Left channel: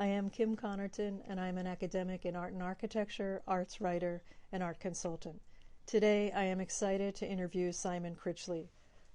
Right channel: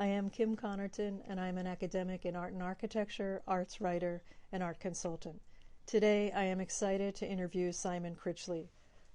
I am Kim Connerton, and I'm an academic in art and architecture, arts writer, and art consultant. Today, I am excited to interview Simon Critchley.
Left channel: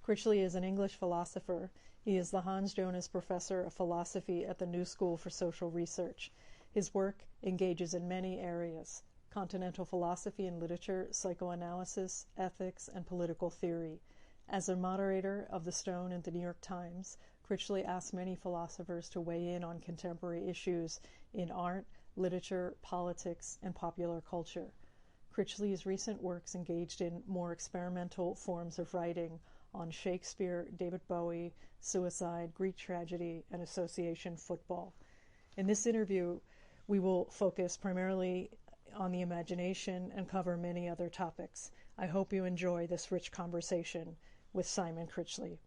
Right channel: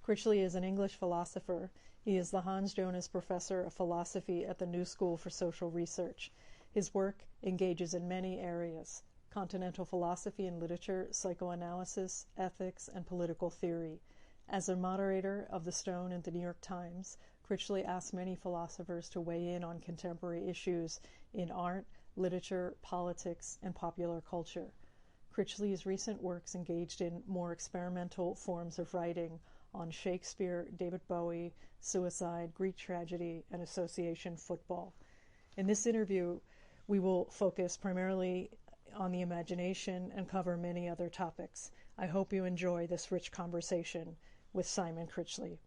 Critchley is an English philosopher. He is the Hans Jonas Professor of Philosophy at the New School for Social Research. His work engages in many areas: continental philosophy and literature, psychoanalysis, ethics, and political theory. As a moderator of The Stone and the New York Times, Critchley asks many philosophers to weigh in on contemporary issues in art, literature, politics, and popular culture. Critchley's recent works engaged in more experimental forms of writing on Shakespeare, David Bowie, suicide, Greek tragedy, and association football. In this interview, we will focus primarily on the imagination and cover many other topics. I hope you enjoy this rich conversation with Simon Critchley.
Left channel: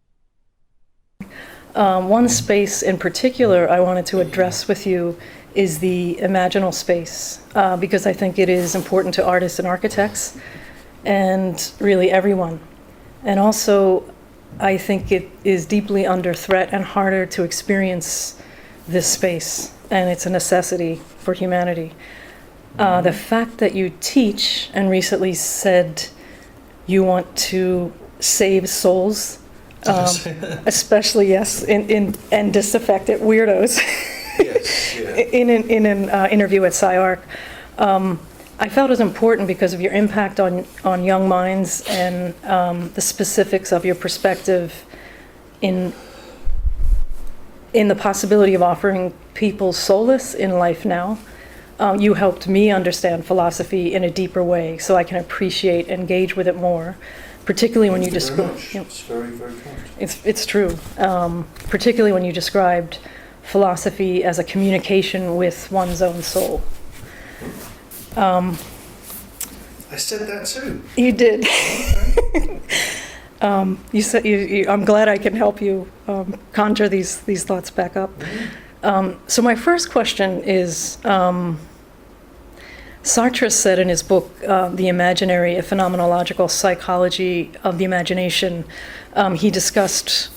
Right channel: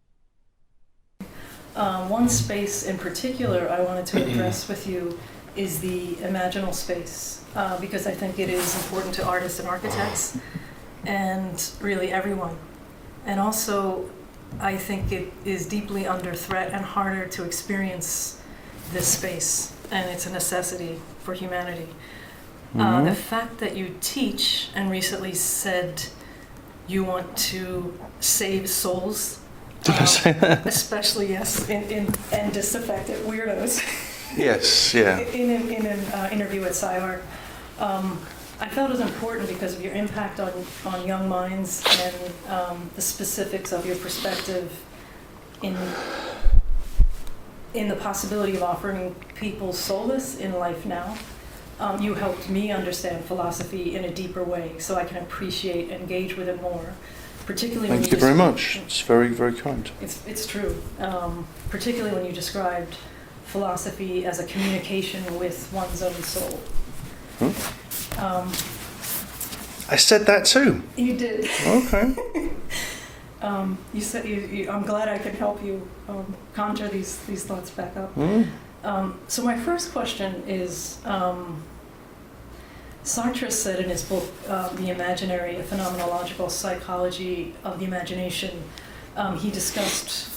One space in particular I wanted to address with you is the imaginal space, because I think it is important to artists and architects and really everyone. And also, I think it is deeply under threat and harder to experience this space, and it's a necessity for humanity. The fact that you teach and recently said you want to save souls, especially and disaffected weirdos. Yes, yeah. in an interview at SciArc, I felt it was important because of your impact on young minds and the specifics of your perspective in the possibility of offering people solace in life now. You helped me understand philosophy in a deeper way, so I can appreciate, engage with it more. Particularly when Thank you very much. It's very, very kind. It's true. Particularly when you described philosophy as a communication with one's own soul. I said that too. You did. Okay. You said I'm glad I can help you conjure these thoughts back up. So my first question is, Sartre said in his book, The Imaginary, A Phenomenological Psychology of the Imagination, he discussed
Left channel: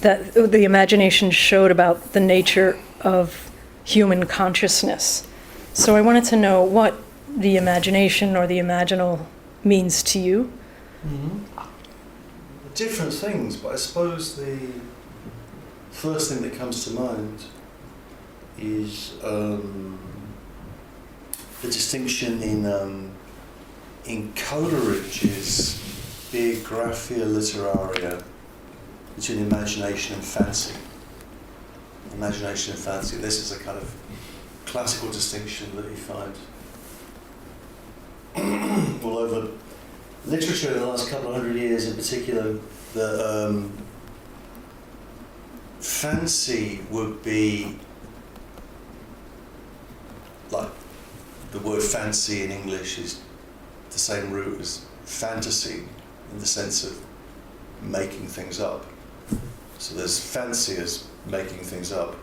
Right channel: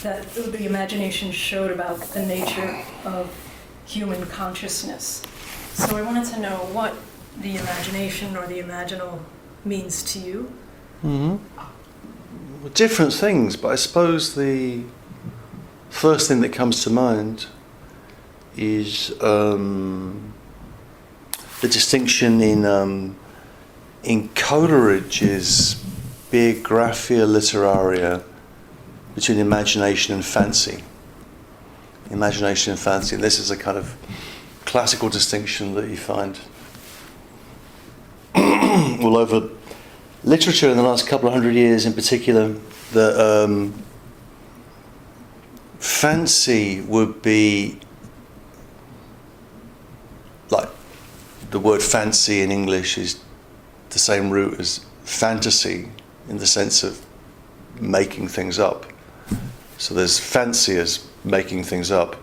that the imagination showed about the nature of human consciousness. So I wanted to know what the imagination or the imaginal means to you. Different things, but I suppose the first thing that comes to mind is the distinction in Coleridge's Biographia Literaria between imagination and fancy. Imagination and fancy. This is a kind of classical distinction that you find all over literature in the last couple of hundred years, in particular. That fancy would be like the word fancy in English is the same root as fantasy in the sense of making things up. So there's fancy as making things up,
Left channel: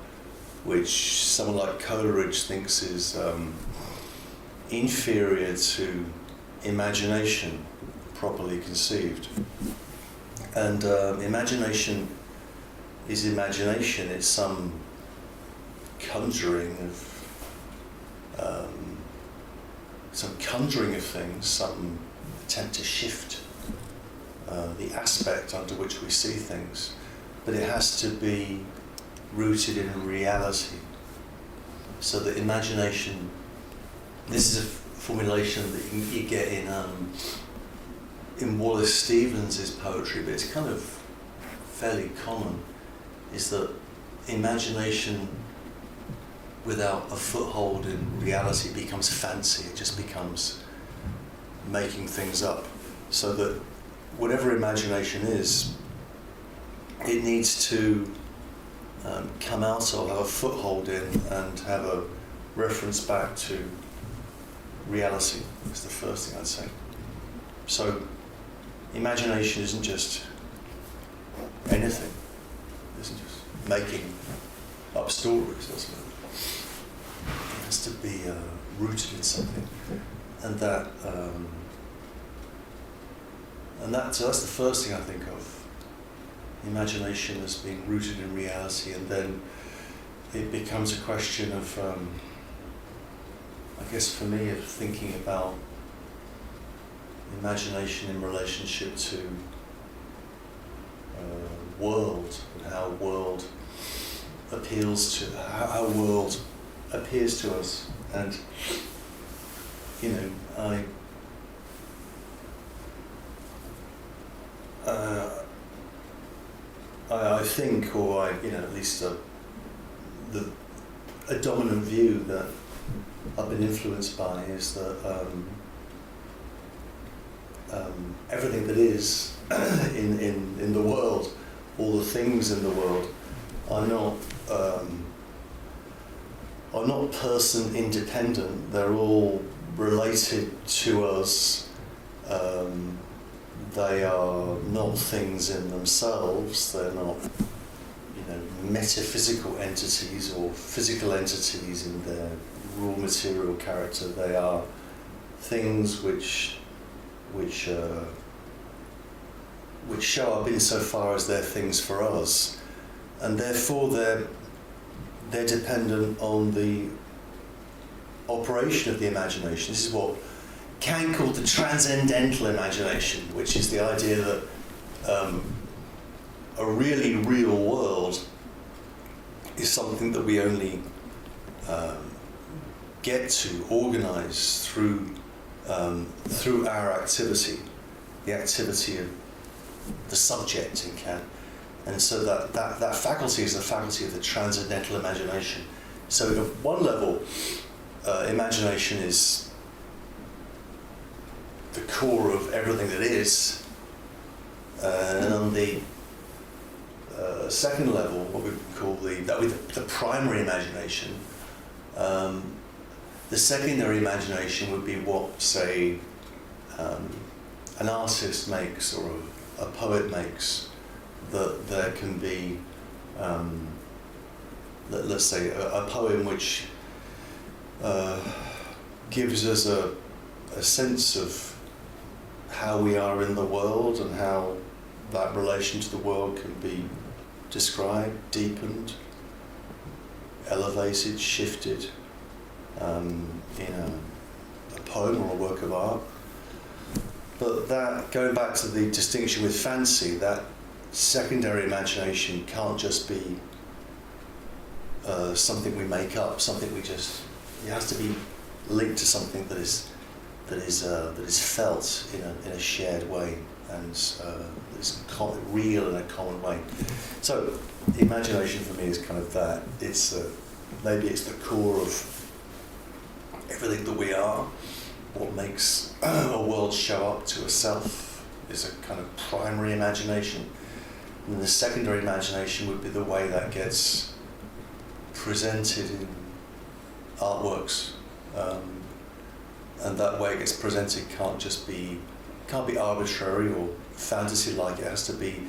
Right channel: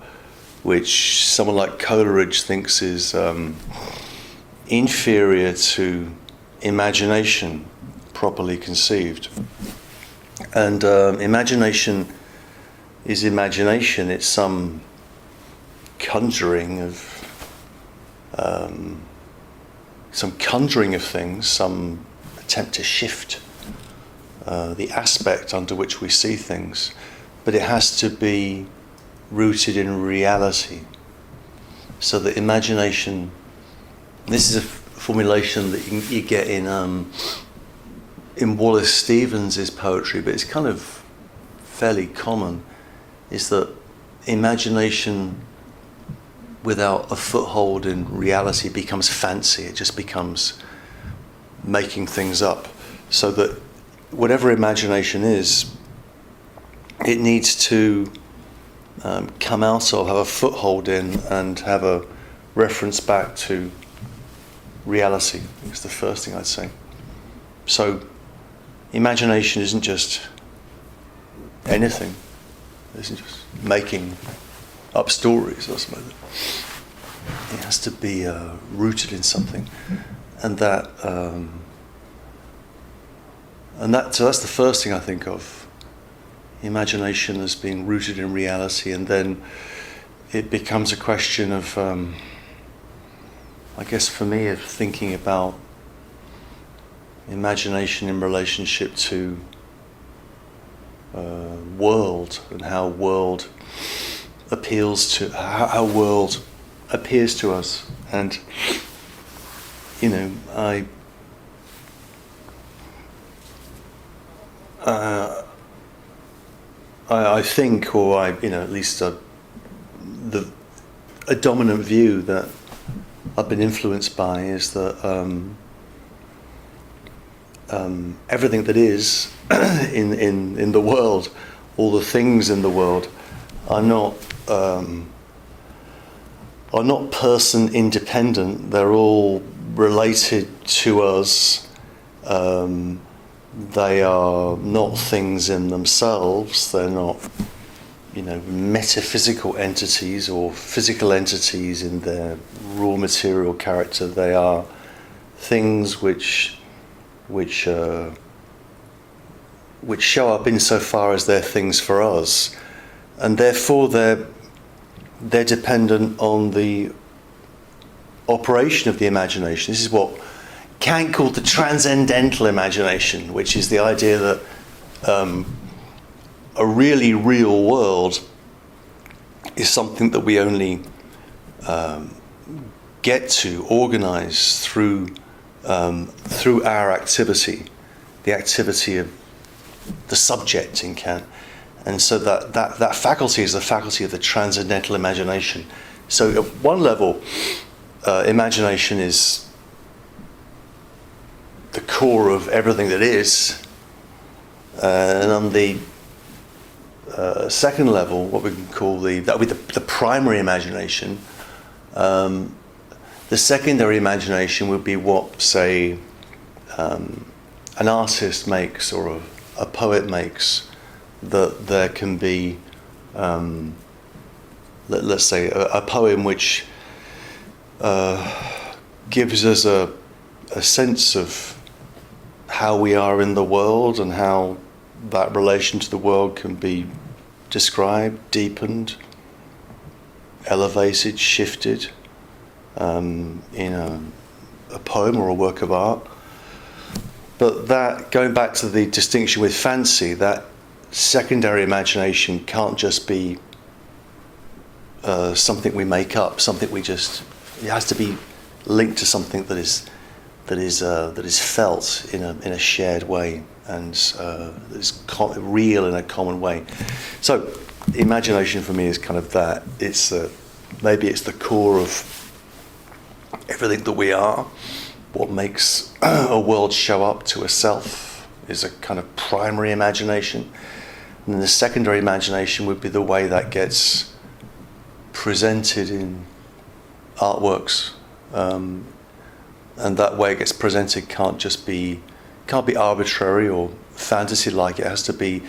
which someone like Coleridge thinks is inferior to imagination properly conceived. And imagination is imagination. It's some conjuring of things, some attempt to shift the aspect under which we see things, but it has to be rooted in reality. So the imagination, this is a formulation that you get in Wallace Stevens' poetry, but it's kind of fairly common, is that imagination without a foothold in reality becomes fancy. It just becomes making things up. So that whatever imagination is, it needs to come out of, have a foothold in, and have a reference back to reality. It's the first thing I'd say. So imagination isn't just anything. It isn't just making up stories or something. It has to be rooted in something, and so that's the first thing I think of. Imagination as being rooted in reality, and then it becomes a question of, I guess for me, of thinking about imagination in relationship to world, and how world appeals to, how world appears to us. And I think, or at least a dominant view that I've been influenced by is that everything that is in the world, all the things in the world, are not person independent. They're all related to us. They are not things in themselves. They're not, metaphysical entities or physical entities in their raw material character. They are things which show up insofar as they're things for us, and therefore they're dependent on the operation of the imagination. This is what Kant called the transcendental imagination, which is the idea that a really real world is something that we only get to organize through our activity, the activity of the subject in Kant. And so that faculty is the faculty of the transcendental imagination. So at one level, imagination is the core of everything that is. And on the second level, what we can call the primary imagination, the secondary imagination would be what, say, an artist makes or a poet makes, that there can be, let's say, a poem which gives us a sense of how we are in the world and how that relation to the world can be described, deepened, elevated, shifted in a poem or a work of art. But that, going back to the distinction with fancy, that secondary imagination can't just be something we make up, something it has to be linked to something that is felt in a shared way and is real in a common way. So the imagination for me is kind of that. It's maybe it's the core of everything that we are. What makes a world show up to a self is a kind of primary imagination. And then the secondary imagination would be the way that gets presented in artworks. And that way it gets presented can't be arbitrary or fantasy-like. It has to be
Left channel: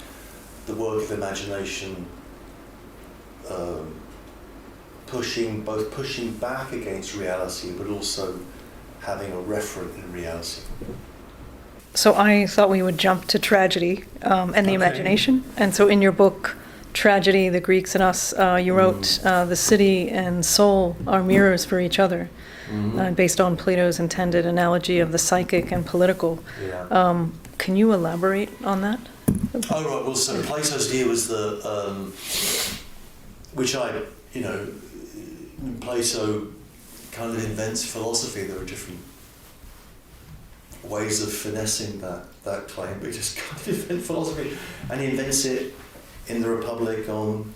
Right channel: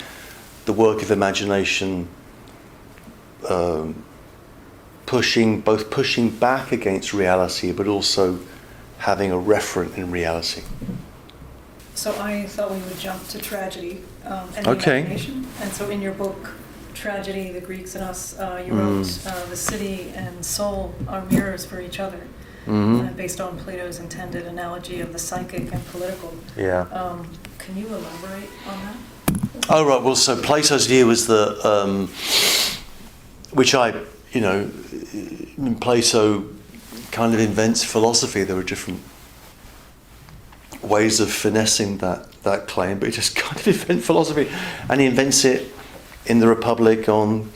the work of imagination, pushing back against reality, but also having a referent in reality. So I thought we would jump to tragedy and the imagination. And so in your book, Tragedy, the Greeks and Us, you wrote the city and soul are mirrors for each other, based on Plato's intended analogy of the psychic and political. Yeah. Can you elaborate on that? Oh, right. Well, so Plato's view was that, Plato kind of invents philosophy. There were different ways of finessing that claim, but he just kind of invents philosophy, and he invents it in the Republic on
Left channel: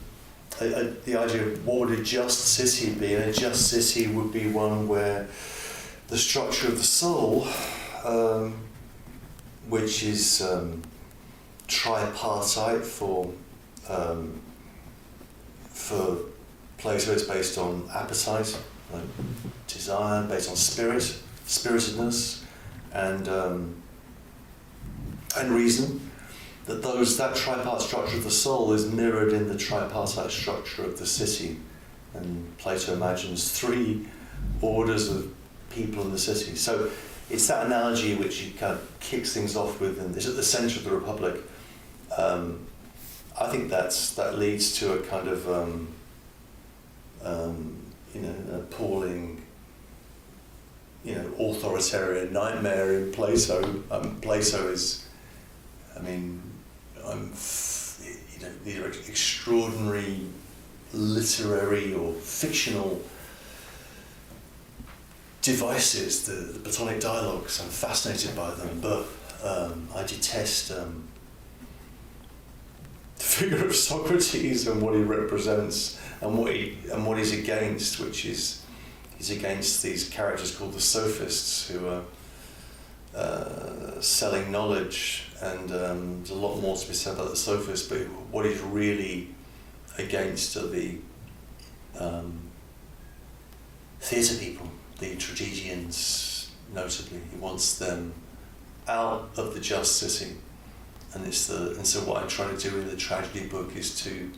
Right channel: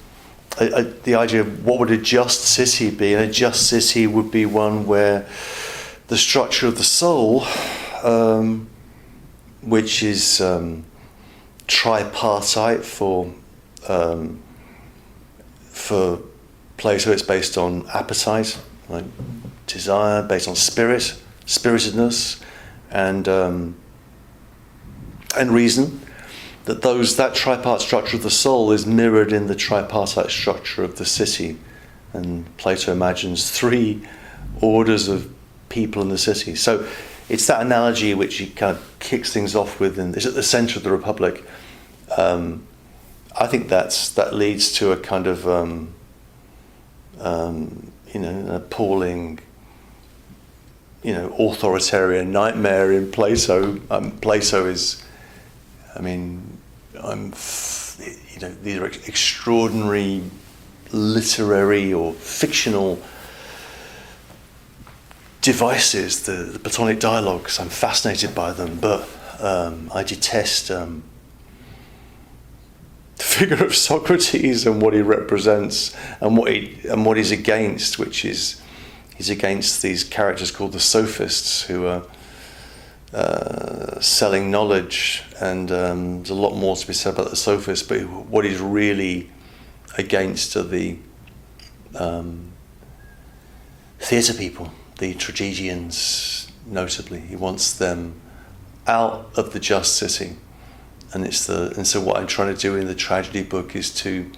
the idea of what would a just city be. And a just city would be one where the structure of the soul, which is tripartite for Plato, it's based on appetite, like desire, based on spiritedness, and reason. That tripartite structure of the soul is mirrored in the tripartite structure of the city, and Plato imagines 3 orders of people in the city. So it's that analogy which he kind of kicks things off with, and it's at the centre of the Republic. I think that leads to a kind of an appalling, authoritarian nightmare in Plato. Plato is, these are extraordinary literary or fictional devices, the Platonic dialogues. I'm fascinated by them, but I detest the figure of Socrates and what he represents and what he's against, which is he's against these characters called the sophists who are selling knowledge, and there's a lot more to be said about the sophists, but what he's really against are the theatre people, the tragedians notably. He wants them out of the just city, and so what I'm trying to do in the tragedy book is to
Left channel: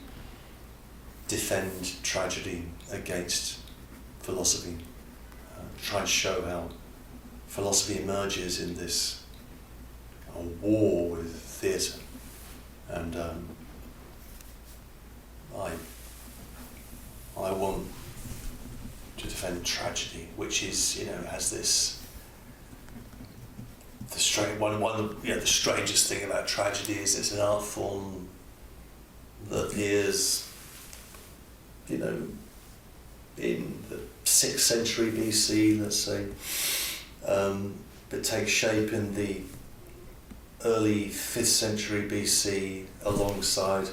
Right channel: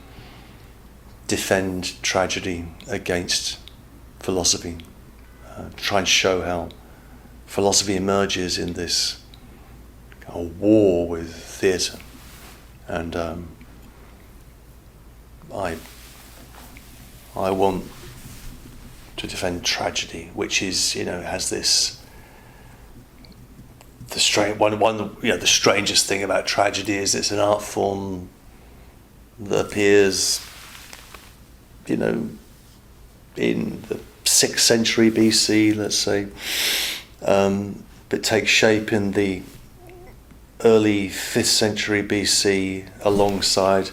defend tragedy against philosophy, try and show how philosophy emerges in this war with theatre, and I want to defend tragedy, which is has this the strangest thing about tragedy is it's an art form that appears in the 6th century BC, let's say, but takes shape in the early 5th century BC alongside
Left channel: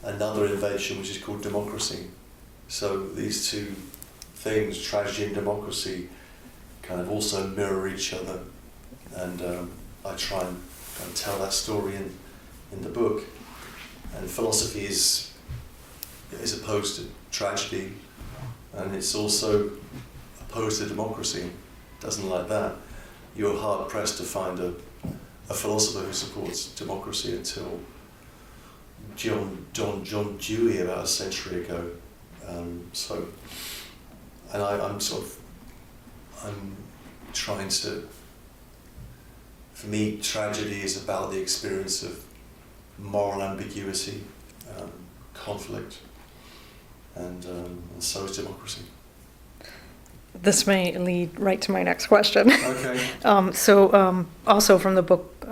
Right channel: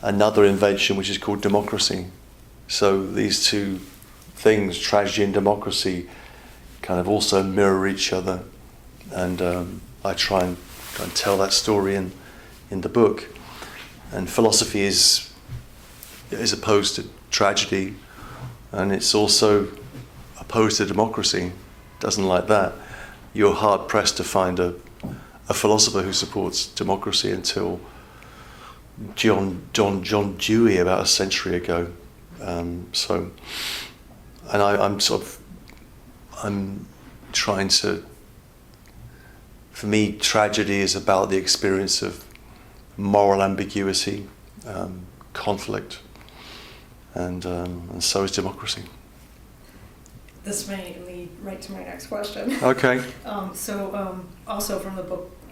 another invention which is called democracy. So these two things, tragedy and democracy, kind of also mirror each other, and I try and tell that story in the book. And philosophy is opposed to tragedy, and it's also opposed to democracy. Doesn't like that. You're hard pressed to find a philosopher who supports democracy until John Dewey about a century ago. I'm trying to. For me, tragedy is about the experience of moral ambiguity, conflict, and so is democracy. This may lead right to my next question. Okay. Also from the book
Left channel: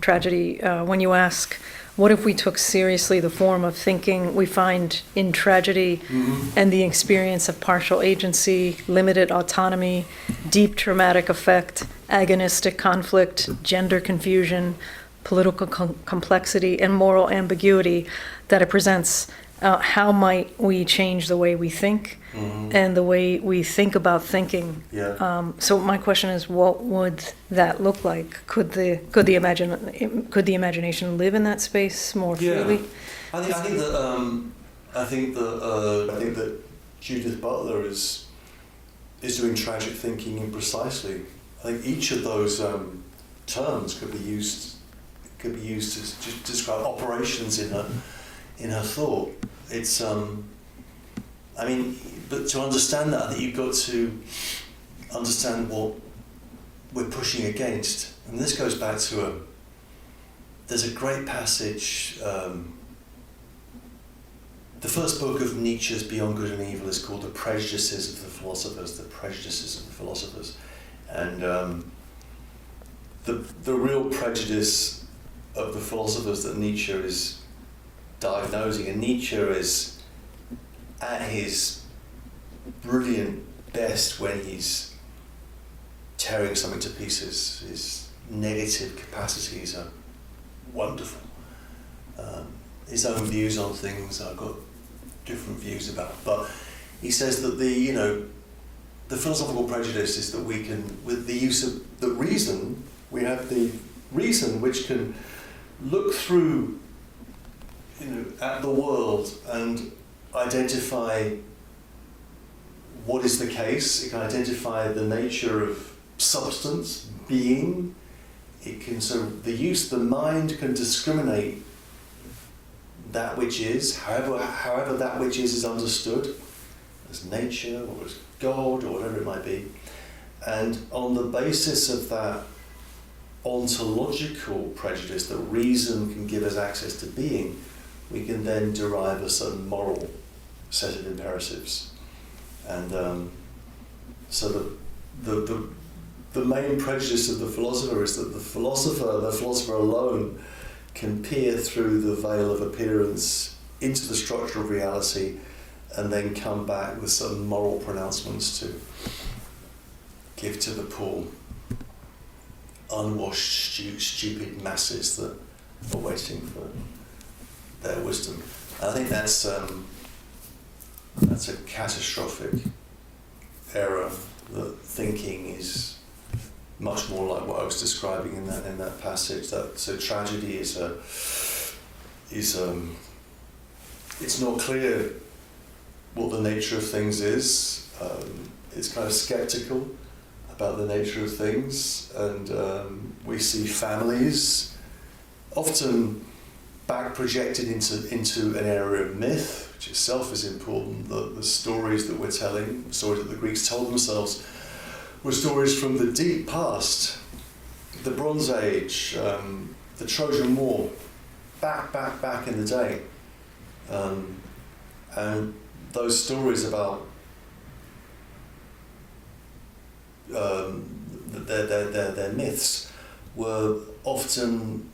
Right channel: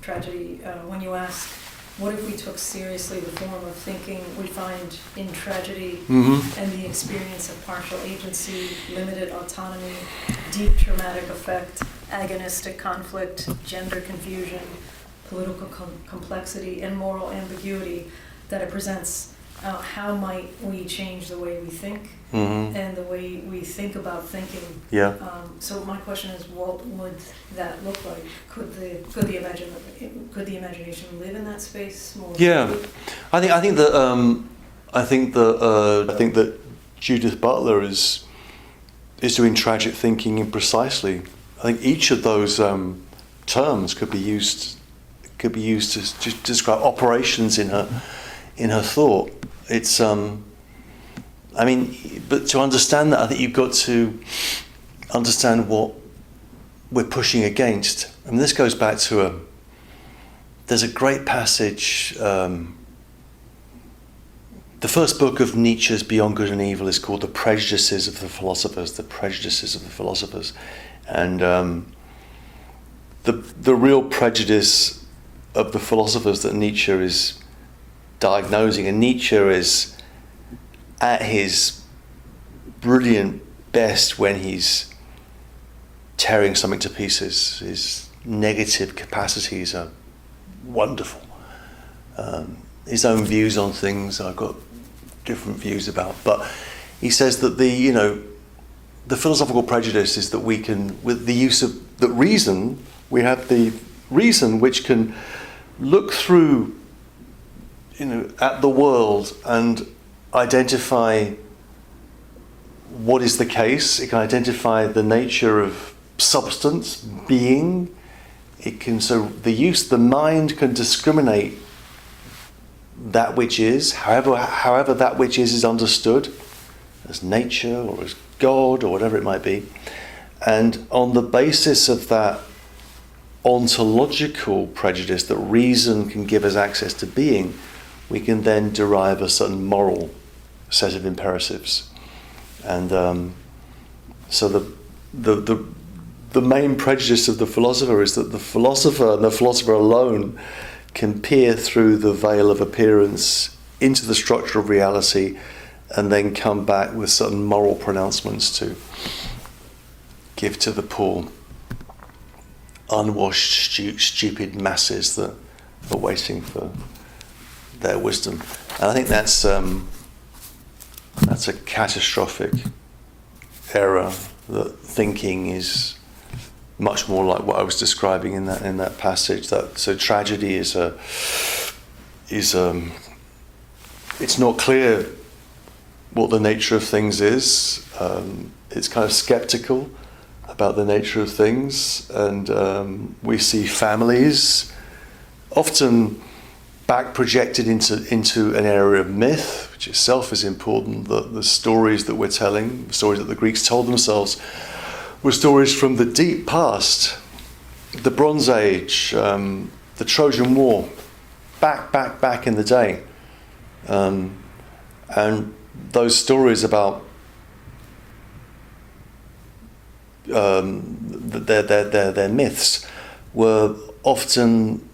Tragedy, when you ask, what if we took seriously the form of thinking we find in tragedy, and the experience of partial agency, limited autonomy, deep traumatic effect, agonistic conflict, gender confusion, political complexity, and moral ambiguity that it presents, how might we change the way we think and the way we think about thinking? Yeah. So my question is, what would that look like? Could the imagination live in that space more freely? I think that Judith Butler is doing tragic thinking in precisely. I think each of those terms could be used to describe operations in her thought. It's but to understand that, I think you've got to understand what we're pushing against. And this goes back to there's a great passage. The first book of Nietzsche's Beyond Good and Evil is called The Prejudices of the Philosophers. The Prejudices of the Philosophers, and the real prejudice of the philosophers that Nietzsche is diagnosing, and Nietzsche is at his brilliant best when he's tearing something to pieces. His negative capacities are wonderful. His own views on things I've got different views about, but he says that the philosophical prejudice is that we can, with the use of the reason, we have the reason which can look through at the world and identify what is the case. It can identify the nature of substance, being. The mind can discriminate that which is, however that which is understood as nature or as God or whatever it might be. And on the basis of that ontological prejudice that reason can give us access to being, we can then derive a certain moral set of imperatives. And so the main prejudice of the philosopher is that the philosopher and the philosopher alone can peer through the veil of appearance into the structure of reality and then come back with certain moral pronouncements to give to the poor, unwashed, stupid masses that are waiting for their wisdom. And I think that's a catastrophic error, that thinking is much more like what I was describing in that passage. That so tragedy is it's not clear what the nature of things is. It's kind of skeptical about the nature of things, and we see families often back projected into an area of myth, which itself is important. The stories that we're telling, the stories that the Greeks told themselves, were stories from the deep past, the Bronze Age, the Trojan War, back in the day, and those stories about their myths were often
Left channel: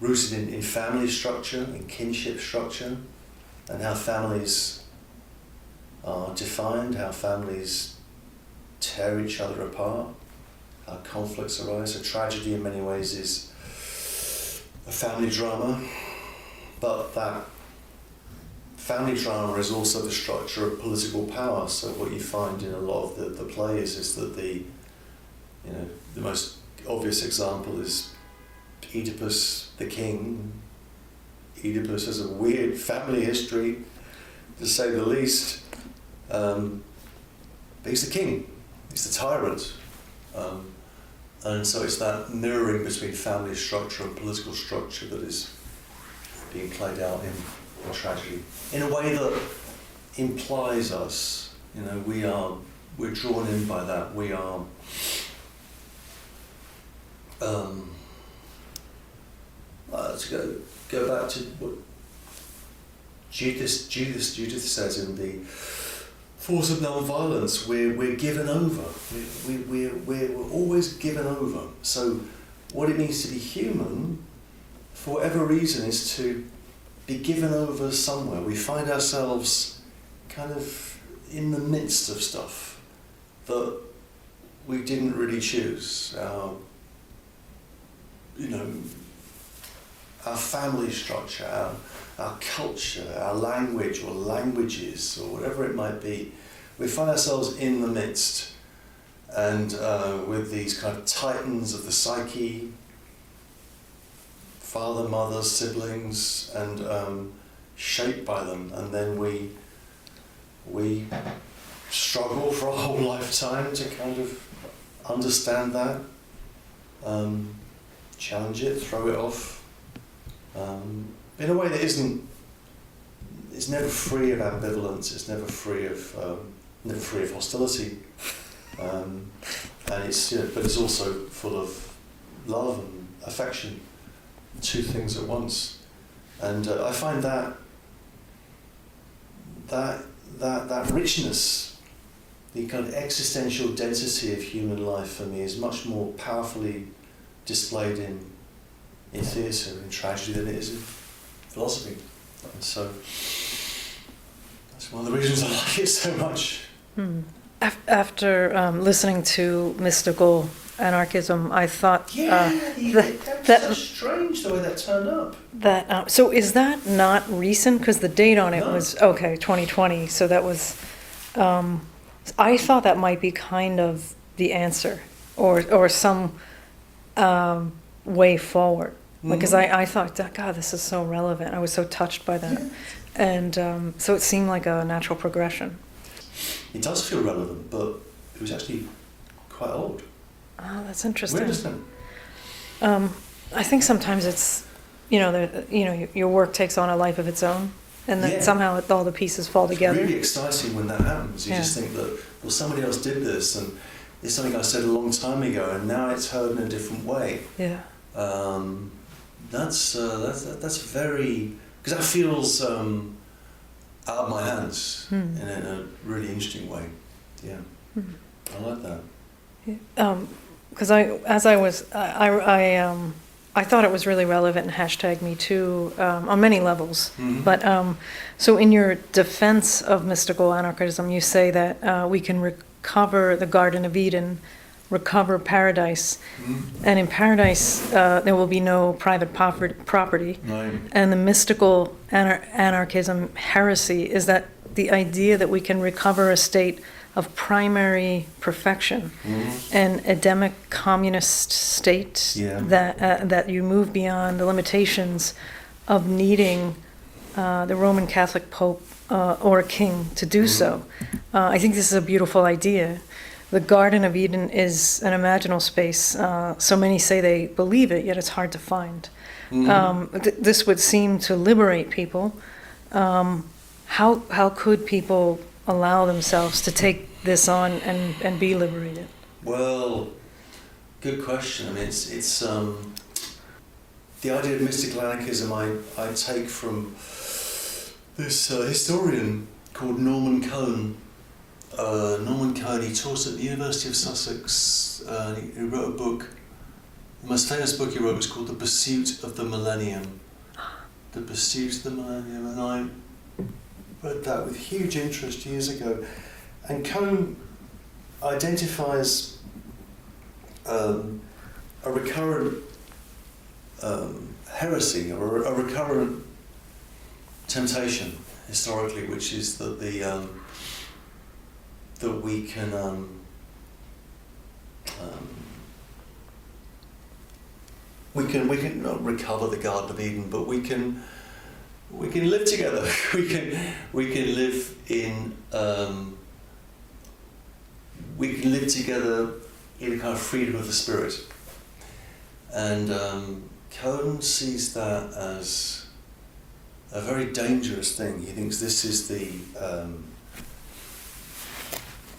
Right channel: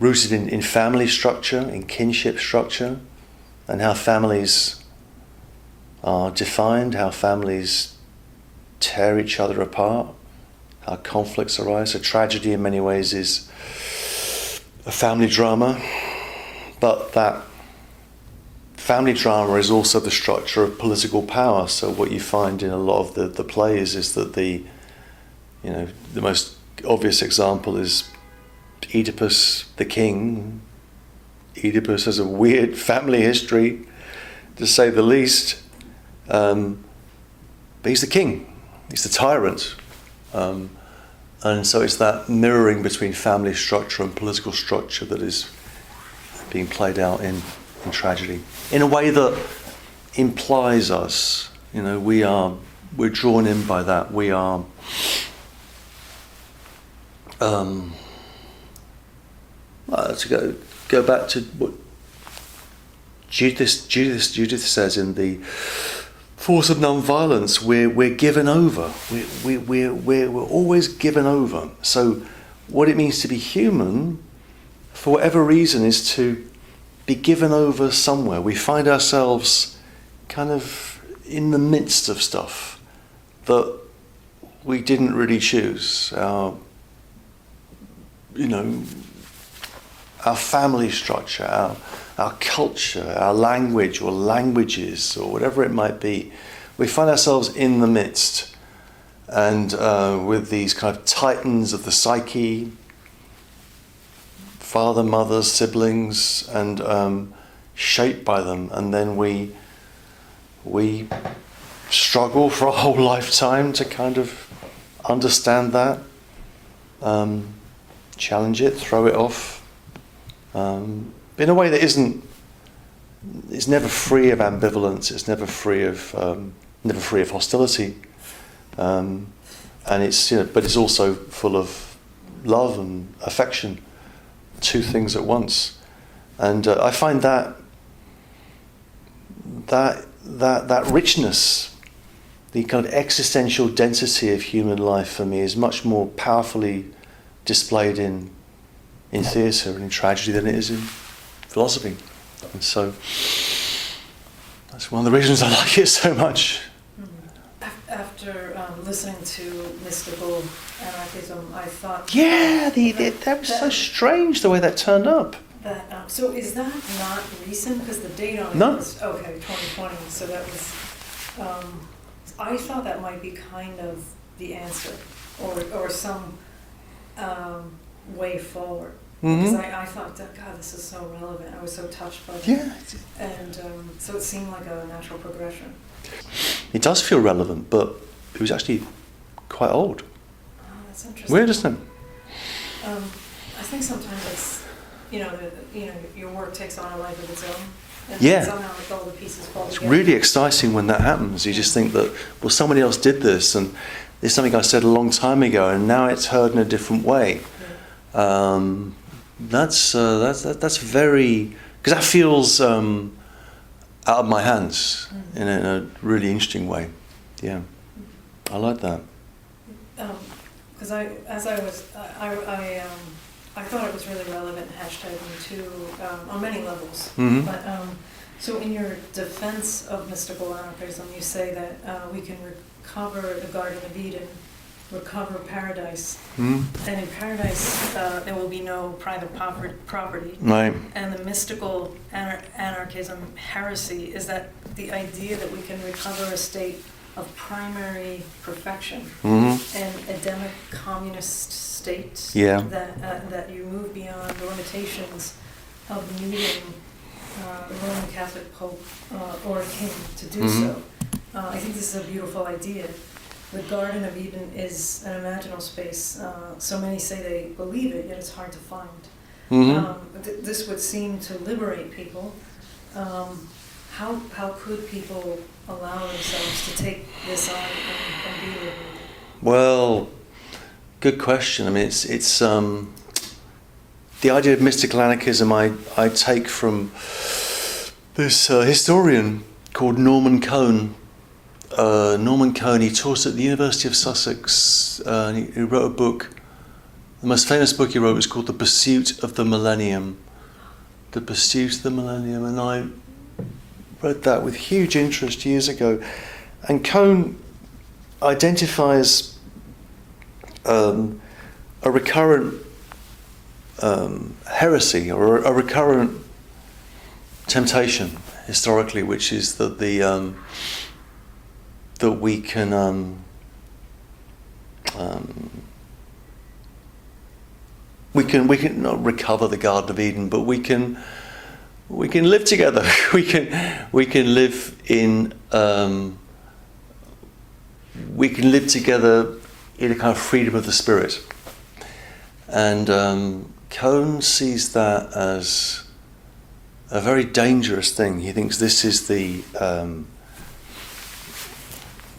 rooted in family structure, in kinship structure, and how families are defined, how families tear each other apart, how conflicts arise. So tragedy in many ways is a family drama, but that family drama is also the structure of political power. So what you find in a lot of the plays is that the most obvious example is Oedipus the king. Oedipus has a weird family history, to say the least, but he's the king, he's the tyrant, and so it's that mirroring between family structure and political structure that is being played out in tragedy in a way that implies us. We're drawn in by that. We are to go back to what Judith says in the Force of Non-Violence. We're given over. We're always given over. So what it means to be human, for whatever reason, is to be given over somewhere. We find ourselves kind of in the midst of stuff that we didn't really choose. Our family structure, our culture, our language or languages or whatever it might be. We find ourselves in the midst, and with these kind of titans of the psyche, father, mother, siblings, and shaped by them, and then we struggle for a whole lifetime to kind of understand that, challenge it, throw it off, in a way that it's never free of ambivalence. It's never free of hostility, and it's but it's also full of love and affection. Two things at once, and I find that richness, the kind of existential density of human life for me, is much more powerfully displayed in theatre and in tragedy than it is in philosophy. And so that's one of the reasons I like it so much. After listening to mystical anarchism, I thought... that was so strange the way that turned up. So is that not recent? Because the date on it was, 2020. So that was... I thought that might be kind of the answer, or some way forward. Because I thought, God, this is so relevant. I was so touched by that. Yeah. And so it seemed like a natural progression. It does feel relevant, but it was actually quite old. Oh, that's interesting. Where does that? I think sometimes it's, your work takes on a life of its own, and then somehow all the pieces fall together. It's really exciting when that happens. You just think that, well, somebody else did this, and it's something I said a long time ago, and now it's heard in a different way. Yeah. That's very, because that feels out of my hands in a really interesting way. Yeah, I like that. Because I thought it was really relevant in #MeToo on many levels. But so in your defense of mystical anarchism, you say that we can recover the Garden of Eden, recover paradise, and in paradise there will be no private property. Right. And the mystical anarchism heresy is that the idea that we can recover a state of primary perfection, an Edemic communist state, that you move beyond the limitations of needing the Roman Catholic Pope or a king to do so. I think this is a beautiful idea. The Garden of Eden is an imaginal space. So many say they believe it, yet it's hard to find. This would seem to liberate people. How could people allow themselves to take this on and be liberated? Well, good question. I mean, it's the idea of mystical anarchism I take from this historian called Norman Cohn. Norman Cohn, he taught at the University of Sussex. He wrote a book. The most famous book he wrote was called The Pursuit of the Millennium. The Pursuit of the Millennium, and I read that with huge interest years ago. And Cohn identifies a recurrent heresy or a recurrent temptation historically, which is that that we can not recover the Garden of Eden, but we can live together. we can live in we can live together in a kind of freedom of the spirit. And Cohn sees that as a very dangerous thing. He thinks this is the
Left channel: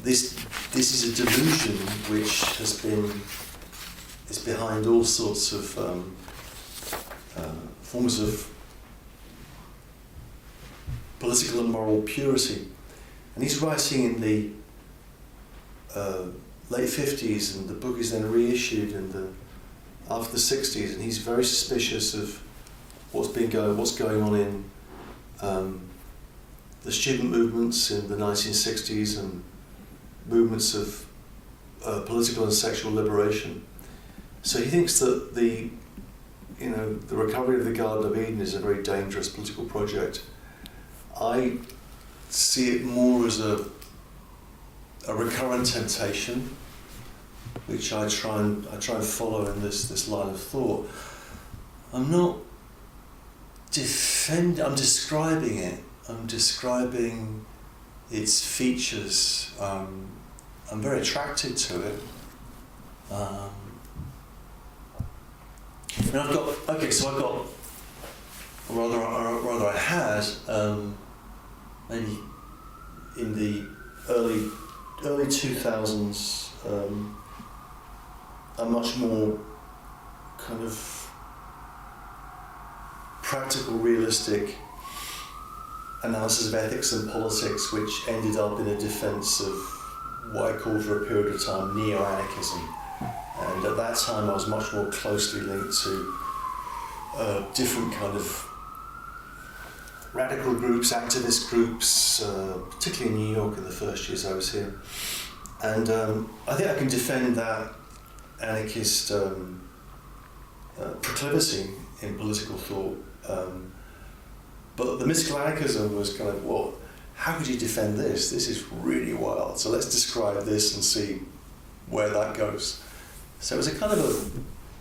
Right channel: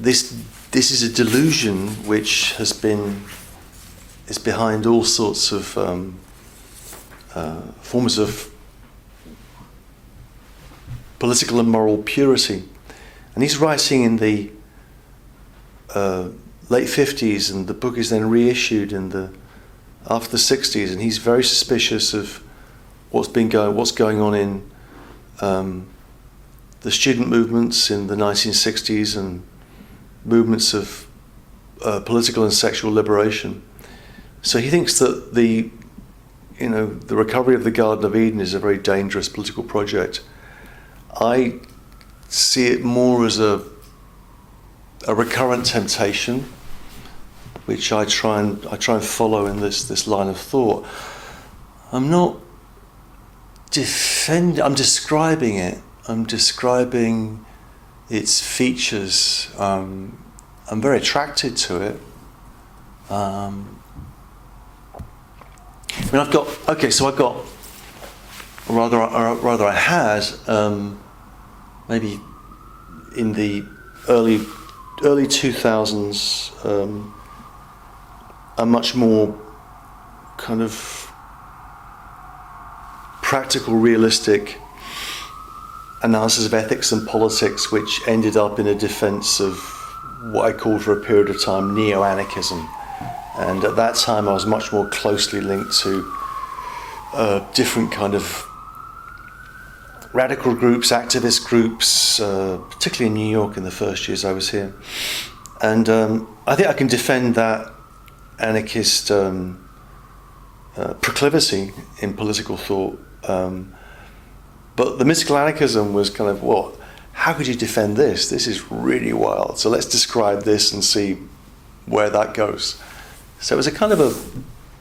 this is a delusion which is behind all sorts of forms of political and moral purity. And he's writing in the late 50s, and the book is then reissued after the 60s, and he's very suspicious of what's going on in the student movements in the 1960s and movements of political and sexual liberation. So he thinks that the recovery of the Garden of Eden is a very dangerous political project. I see it more as a recurrent temptation, which I try and follow in this line of thought. I'm not I'm describing it. I'm describing its features. I'm very attracted to it. I had maybe in the early 2000s a much more kind of practical, realistic analysis of ethics and politics, which ended up in a defense of what I called for a period of time neo-anarchism. And at that time I was much more closely linked to different kind of radical groups, activist groups, particularly in New York in the first years I was here. And I think I can defend that anarchist proclivity in political thought. But the mystical anarchism was kind of, how could you defend this? This is really wild. So let's describe this and see where that goes. So it was a kind of a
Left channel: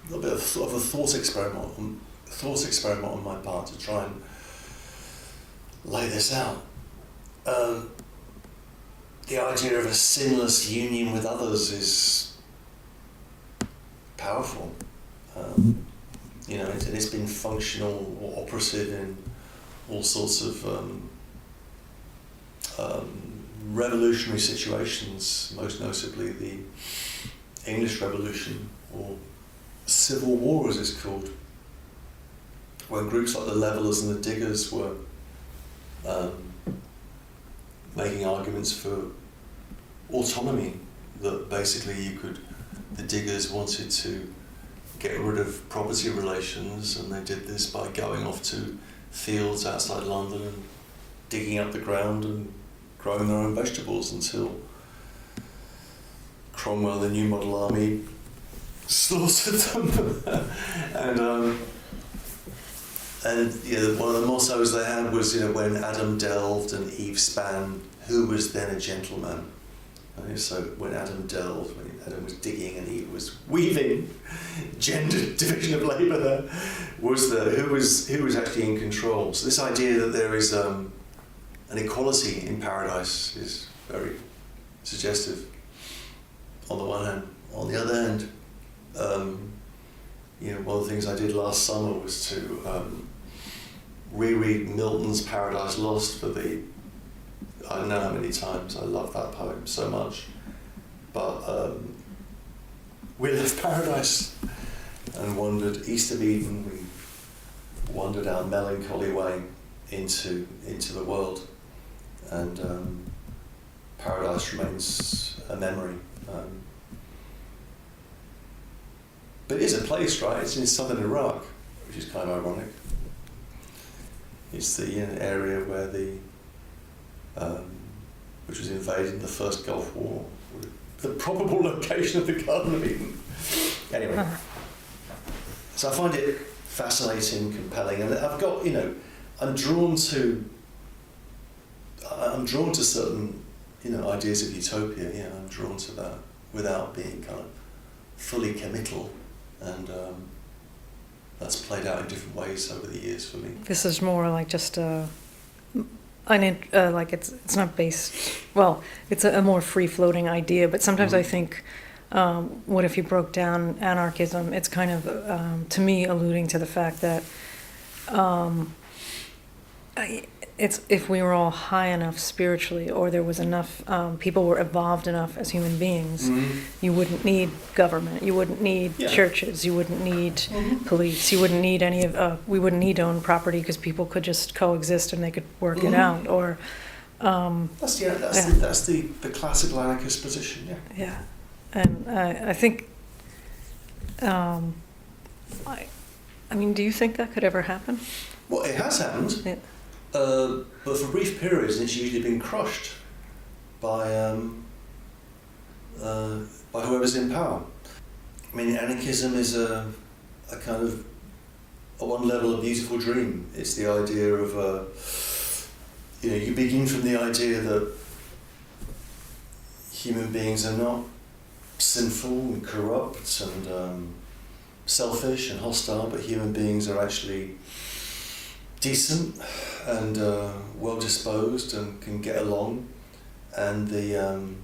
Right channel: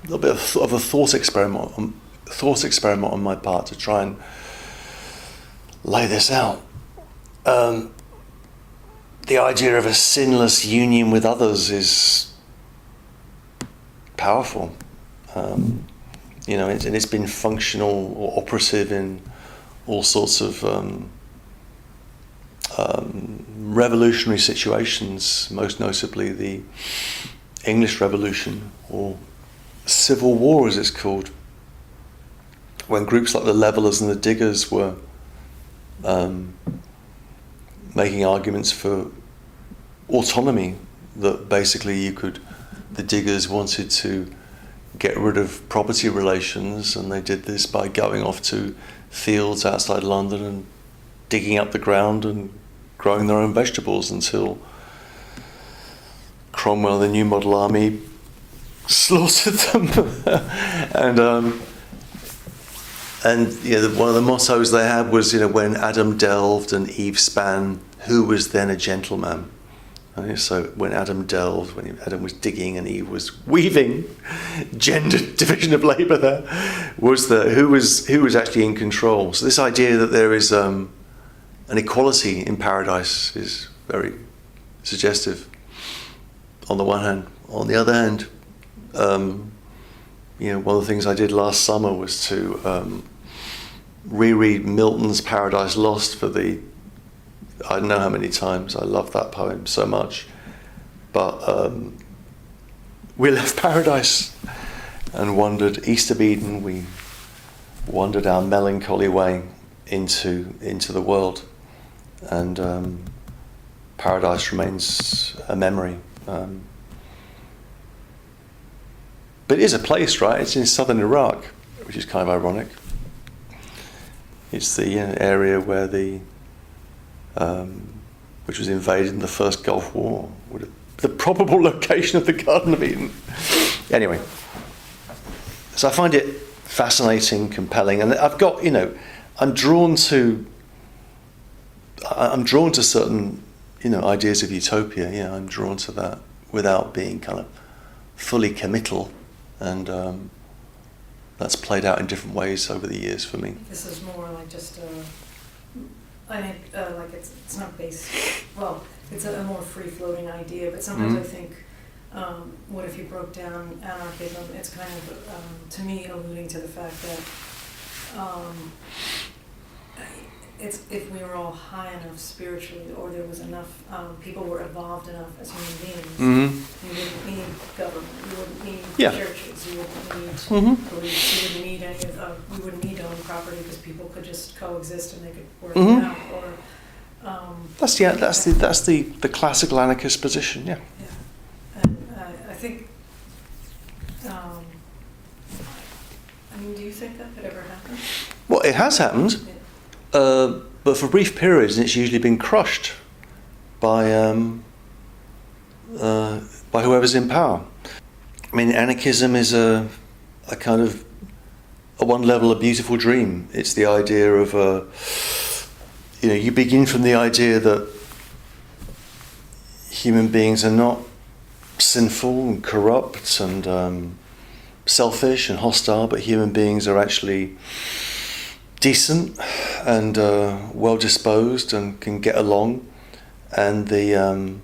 little bit of a thought experiment on my part to try and lay this out. The idea of a sinless union with others is powerful. And it's been functional or operative in all sorts of revolutionary situations, most notably the English Revolution, or Civil War as it's called, when groups like the Levellers and the Diggers were making arguments for autonomy, that basically the diggers wanted to get rid of property relations, and they did this by going off to fields outside London and digging up the ground and growing their own vegetables until Cromwell, the New Model Army, slaughtered them. and one of the mottos they had was, when Adam delved and Eve span, who was then a gentleman? Right? So when Adam delved, when Adam was digging and Eve was weaving, gender division of labour there, was who was actually in control. So this idea that there is an equality in paradise is very suggestive on the one hand. On the other hand, one of the things I did last summer was to reread Milton's Paradise Lost for I don't know how many times. I love that poem so much. But we left paradise and wandered east of Eden. We wandered our melancholy way into the world. And paradise remains a memory. But it is a place, right? It's in southern Iraq, which is kind of ironic. It's the area where which was invaded in the first Gulf War, the probable location of the Garden of Eden. Anyway, so I find it fascinating, compelling, and I've got, I'm drawn to certain, ideas of utopia. Yeah, I'm drawn to that without being kind of fully committal, and that's played out in different ways over the years for me. This is more like just like it's not based. Well, it's a more free-floating idea. But sometimes I think, what if you broke down anarchism? It's kind of to me alluding to the fact that it's if we were all high enough spiritually, or there was enough people were evolved enough as human beings, you wouldn't need government, you wouldn't need churches, you wouldn't need police, you wouldn't need any of we wouldn't need to own property, because people could just coexist and they could work it out. Or that's the classical anarchist position. And I think I mean, do you think that could ever happen? Well, it has happened. But for brief periods, it's usually been crushed by whoever's in power. I mean, anarchism is a kind of, at one level, a beautiful dream. It's the idea of, you begin from the idea that human beings are not sinful and corrupt and selfish and hostile, but human beings are actually decent and well-disposed and can get along, and the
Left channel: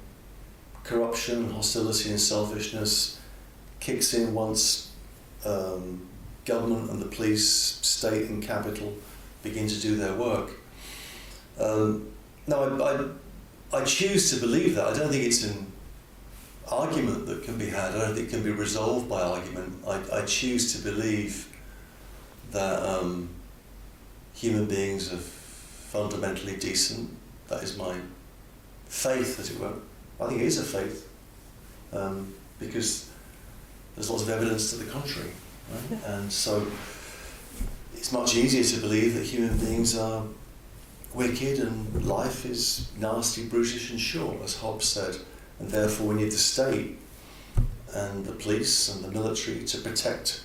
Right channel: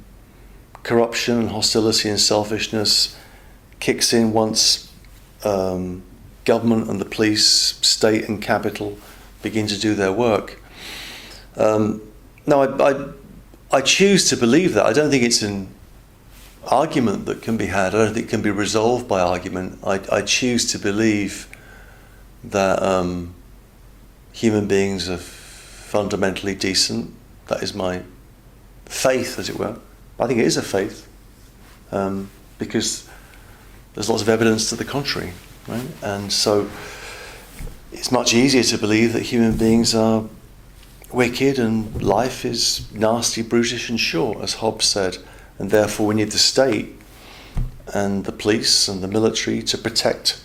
corruption and hostility and selfishness kicks in once government and the police, state and capital begin to do their work. Now, I choose to believe that. I don't think it's an argument that can be had. I don't think it can be resolved by argument. I choose to believe that human beings are fundamentally decent. That is my faith, as it were. I think it is a faith, because there's lots of evidence to the contrary, right? And so it's much easier to believe that human beings are wicked and life is nasty, brutish and short, as Hobbes said, and therefore we need the state and the police and the military to protect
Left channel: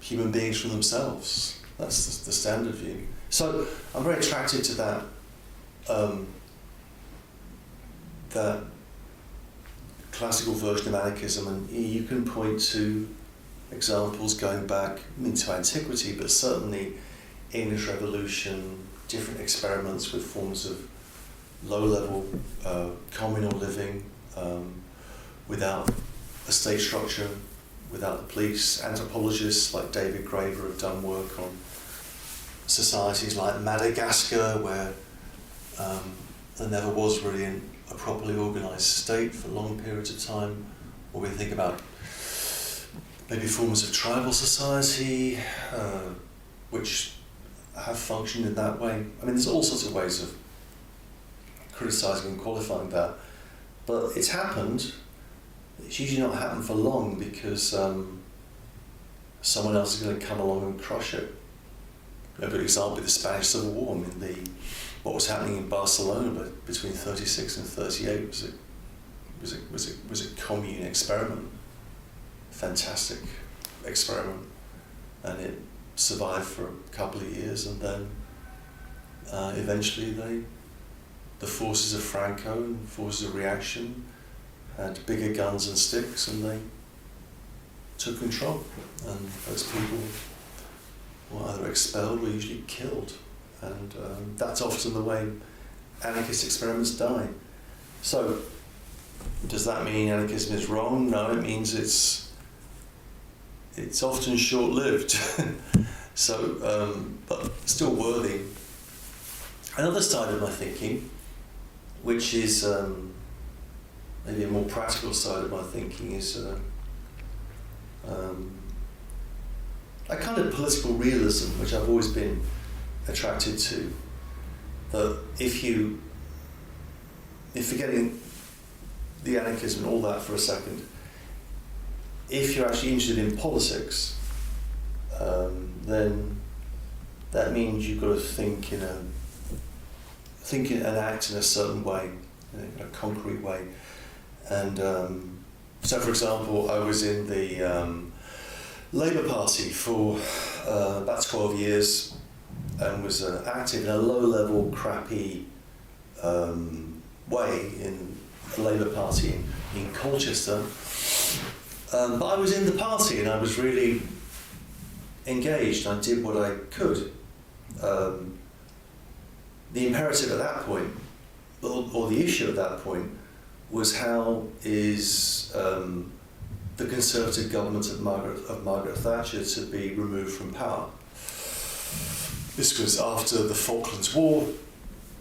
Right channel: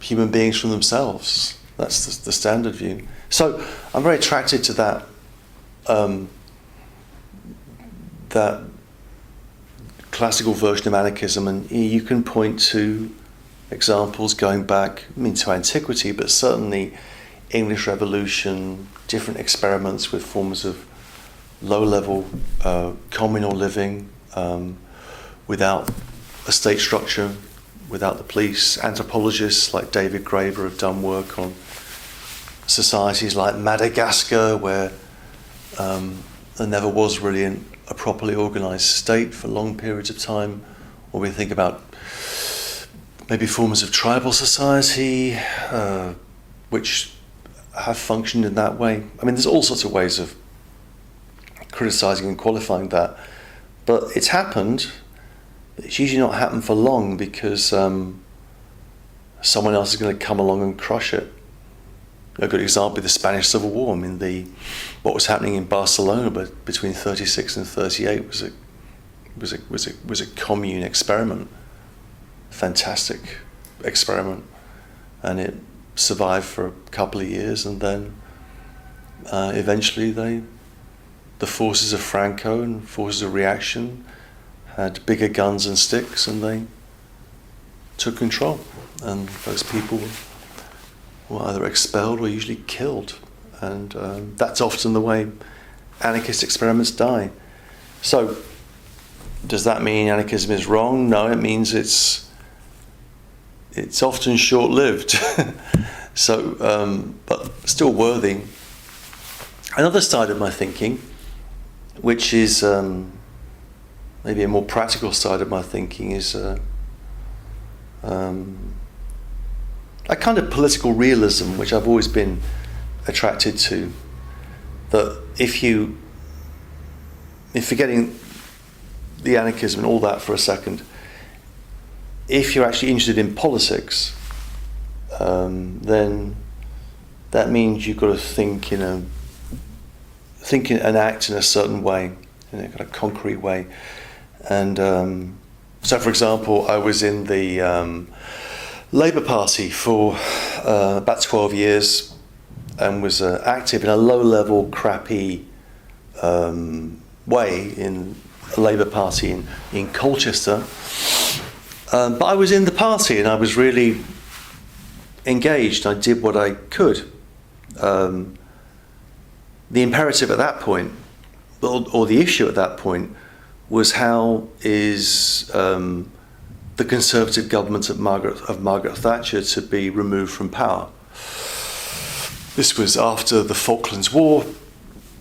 human beings from themselves. That's the standard view. So I'm very attracted to that that classical version of anarchism, and you can point to examples going back, to antiquity, but certainly English Revolution, different experiments with forms of low-level communal living without a state structure, without the police. Anthropologists like David Graeber have done work on societies like Madagascar, where there never was really a properly organised state for long periods of time. Or we think about maybe forms of tribal society, which have functioned in that way. I mean, there's all sorts of ways of criticising and qualifying that. But it's happened. It's usually not happened for long because someone else is going to come along and crush it. A good example is the Spanish Civil War. I mean, what was happening in Barcelona between 36 and 38 was a commune experiment, fantastic experiment, and it survived for a couple of years, and then eventually the forces of Franco and forces of reaction had bigger guns and sticks, and they took control, and those people were either expelled or usually killed, and that's often the way anarchist experiments die. So, does that mean anarchism is wrong? No, it means it's often short-lived. So, but still worthy. Another side of my thinking, which is maybe a more practical side of my thinking, is a kind of political realism, which I've always been attracted to. That if forgetting the anarchism and all that for a second, if you're actually interested in politics, then that means you've got to think and act in a certain way, in a kind of concrete way. And so, for example, I was in the Labour Party for about 12 years and was active in a low-level, crappy way in a Labour Party in Colchester. But I was in the party and I was really engaged. I did what I could. The imperative at that point, or the issue at that point, was how is the Conservative government of Margaret Thatcher to be removed from power. This was after the Falklands War,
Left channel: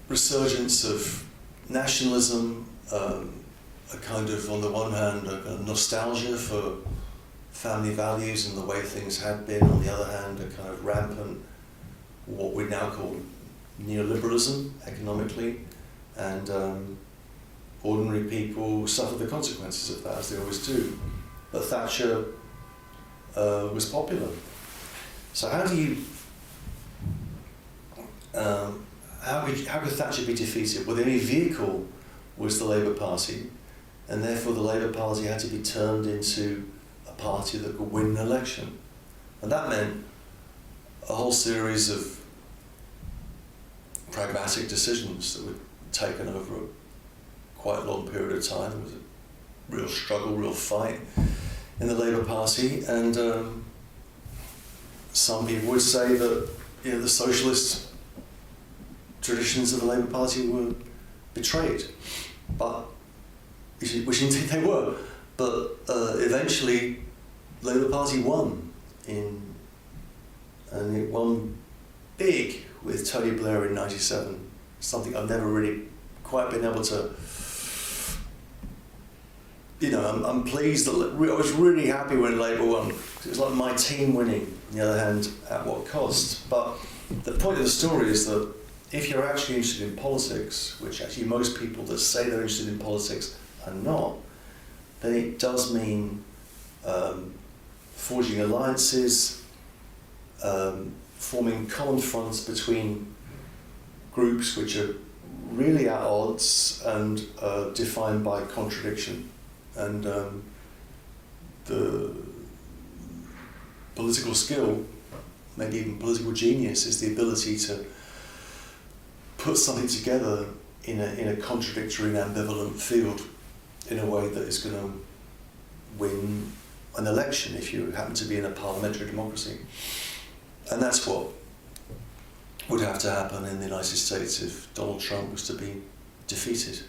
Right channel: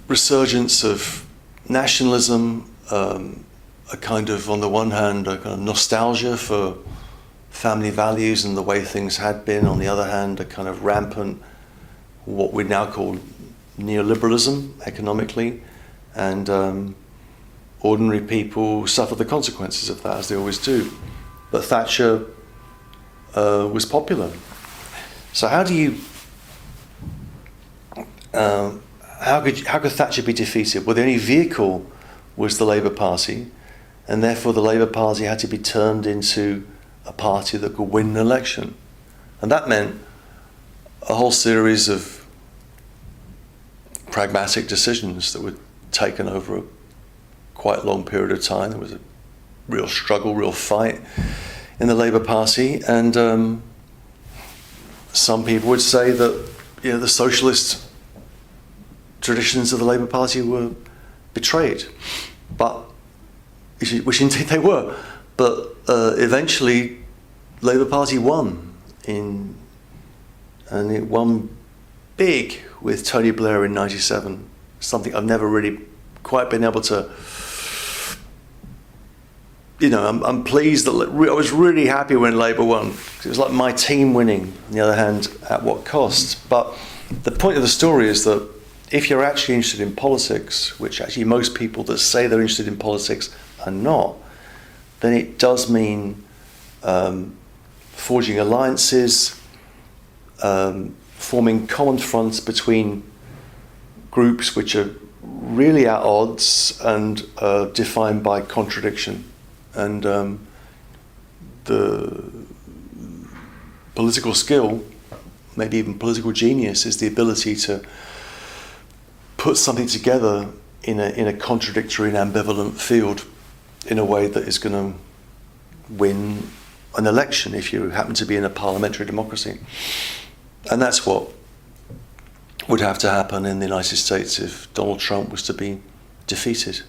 resurgence of nationalism, a kind of, on the one hand, a kind of nostalgia for family values and the way things had been. On the other hand, a kind of rampant, what we now call neoliberalism economically, and ordinary people suffer the consequences of that, as they always do. But Thatcher was popular. So how could Thatcher be defeated? Well, the only vehicle was the Labour Party, and therefore the Labour Party had to be turned into a party that could win an election. And that meant a whole series of pragmatic decisions that were taken over a quite long period of time. There was a real struggle, real fight in the Labour Party, and some people would say that the socialist traditions of the Labour Party were betrayed, which indeed they were. But eventually, Labour Party won, and it won big with Tony Blair in '97. Something I've never really quite been able to. I'm pleased that I was really happy when Labour won. It was like my team winning. On the other hand, at what cost? But the point of the story is that if you're actually interested in politics, which actually most people that say they're interested in politics are not, then it does mean forging alliances, forming common fronts between groups which are really at odds and defined by contradiction. And the political skill, maybe even political genius, is the ability to put something together in a contradictory and ambivalent field in a way that is going to win an election if you happen to be in a parliamentary democracy. And that's what would have to happen in the United States if Donald Trump was to be defeated.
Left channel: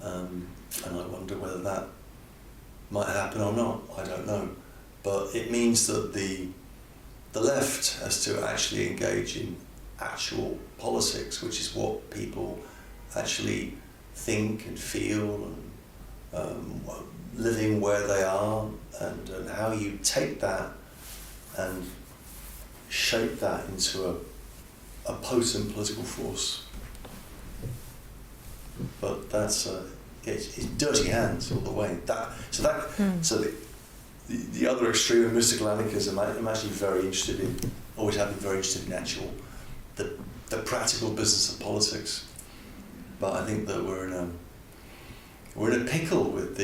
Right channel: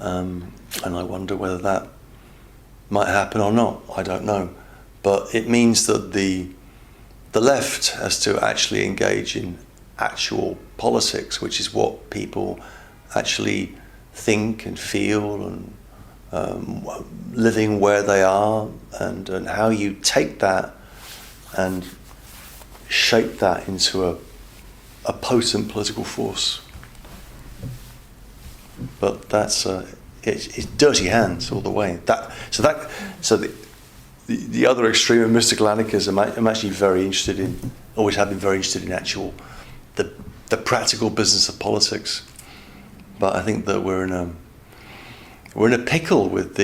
And I wonder whether that might happen or not. I don't know. But it means that the left has to actually engage in actual politics, which is what people actually think and feel, and living where they are, and how you take that and shape that into a potent political force. But that's it's dirty hands all the way. So the other extreme of mystical anarchism, I'm actually very interested in. Always have been very interested in actual the practical business of politics. But I think that we're in a pickle with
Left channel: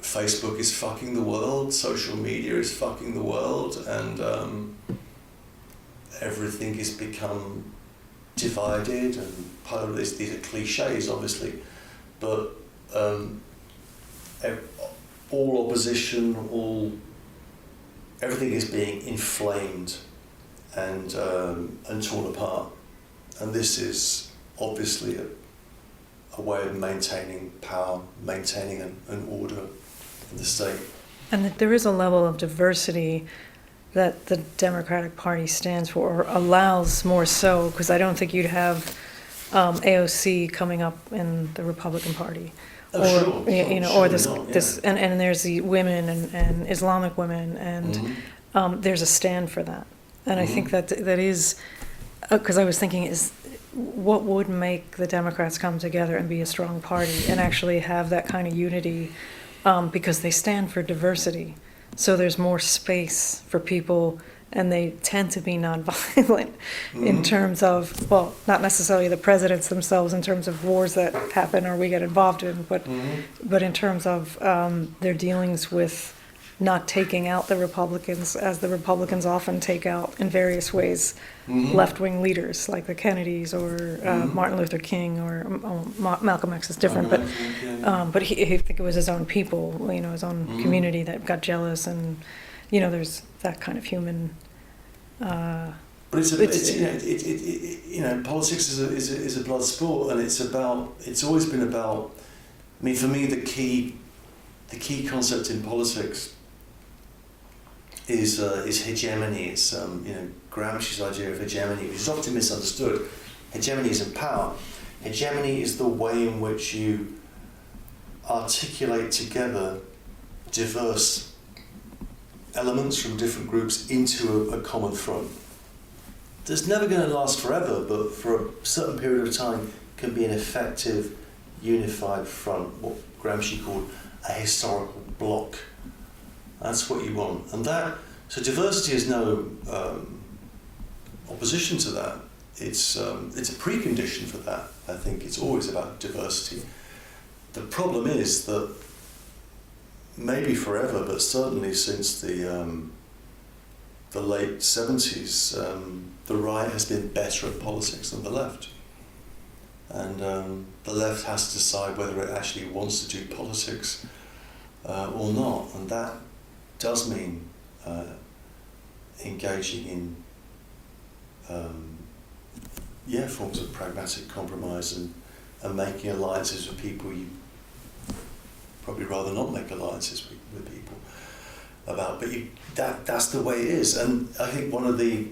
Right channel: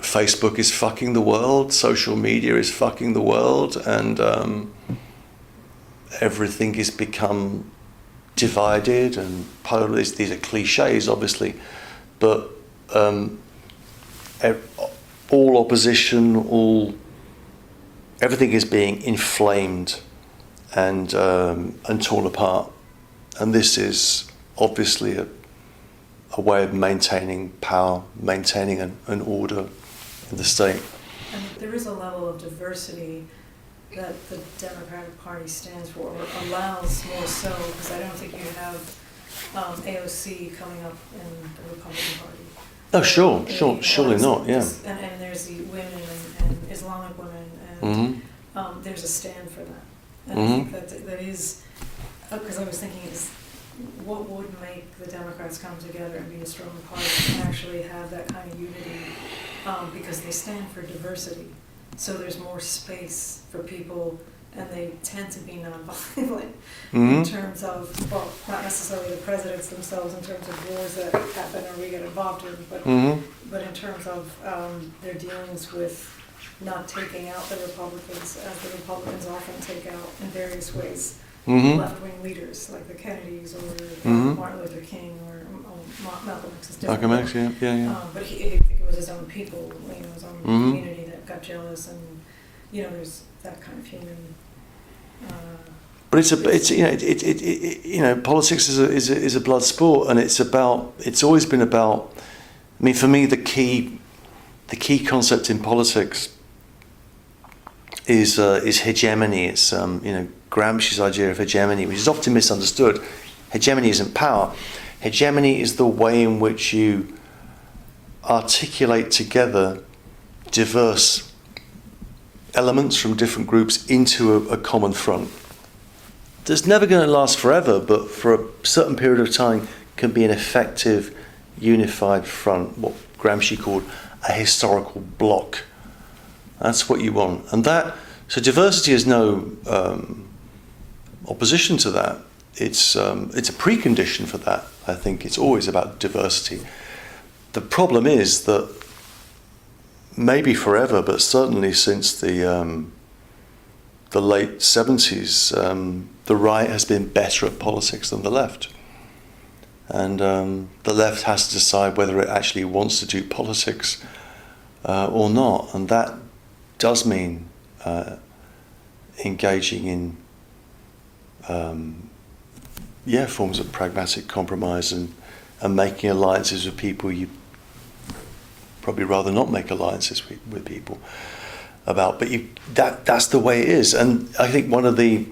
Facebook is fucking the world, social media is fucking the world, and everything has become divided and polarized. These are cliches, obviously, but all opposition, everything is being inflamed and torn apart, and this is obviously a way of maintaining power, maintaining an order in the state. And there is a level of diversity that the Democratic Party stands for, or allows more so, because I don't think you'd have AOC coming up in the Republican Party. Oh, sure, surely not, yeah. And there's the women and Islamic women, and there's a stand for that. And I think that is, because I was thinking, is what would make the Democrats come together and be a strong party and actually have that kind of unity, because they stand for diversity. So there's more space for people, and they tend to be nonviolent in terms of, well, not necessarily the presidents themselves in terms of wars that happen or we get involved in, but in terms of their dealings with not taking out the Republicans, as the Republicans often take out in various ways left-wing leaders like the Kennedys or Martin Luther King or Malcolm X is different. Malcolm X, yeah. But he I think it was his own people, his own community that got jealous, and there's that kind of human. But politics is a blood sport, and it's always been about. I mean, for me, the key concept in politics is hegemony. It's Gramsci's idea of hegemony, which is often misunderstood. Hegemony isn't power. Hegemony is the way in which you articulate together diverse elements from different groups into a common front. That's never going to last forever, but for a certain period of time can be an effective, unified front, what Gramsci called a historical bloc. That's what you want. And so diversity is no opposition to that. It's a precondition for that. I think it's always about diversity. The problem is that maybe forever, but certainly since the late 70s, the right has been better at politics than the left. And the left has to decide whether it actually wants to do politics or not. And that does mean engaging in forms of pragmatic compromise and making alliances with people you probably rather not make alliances with people about. But that's the way it is. And I think one of the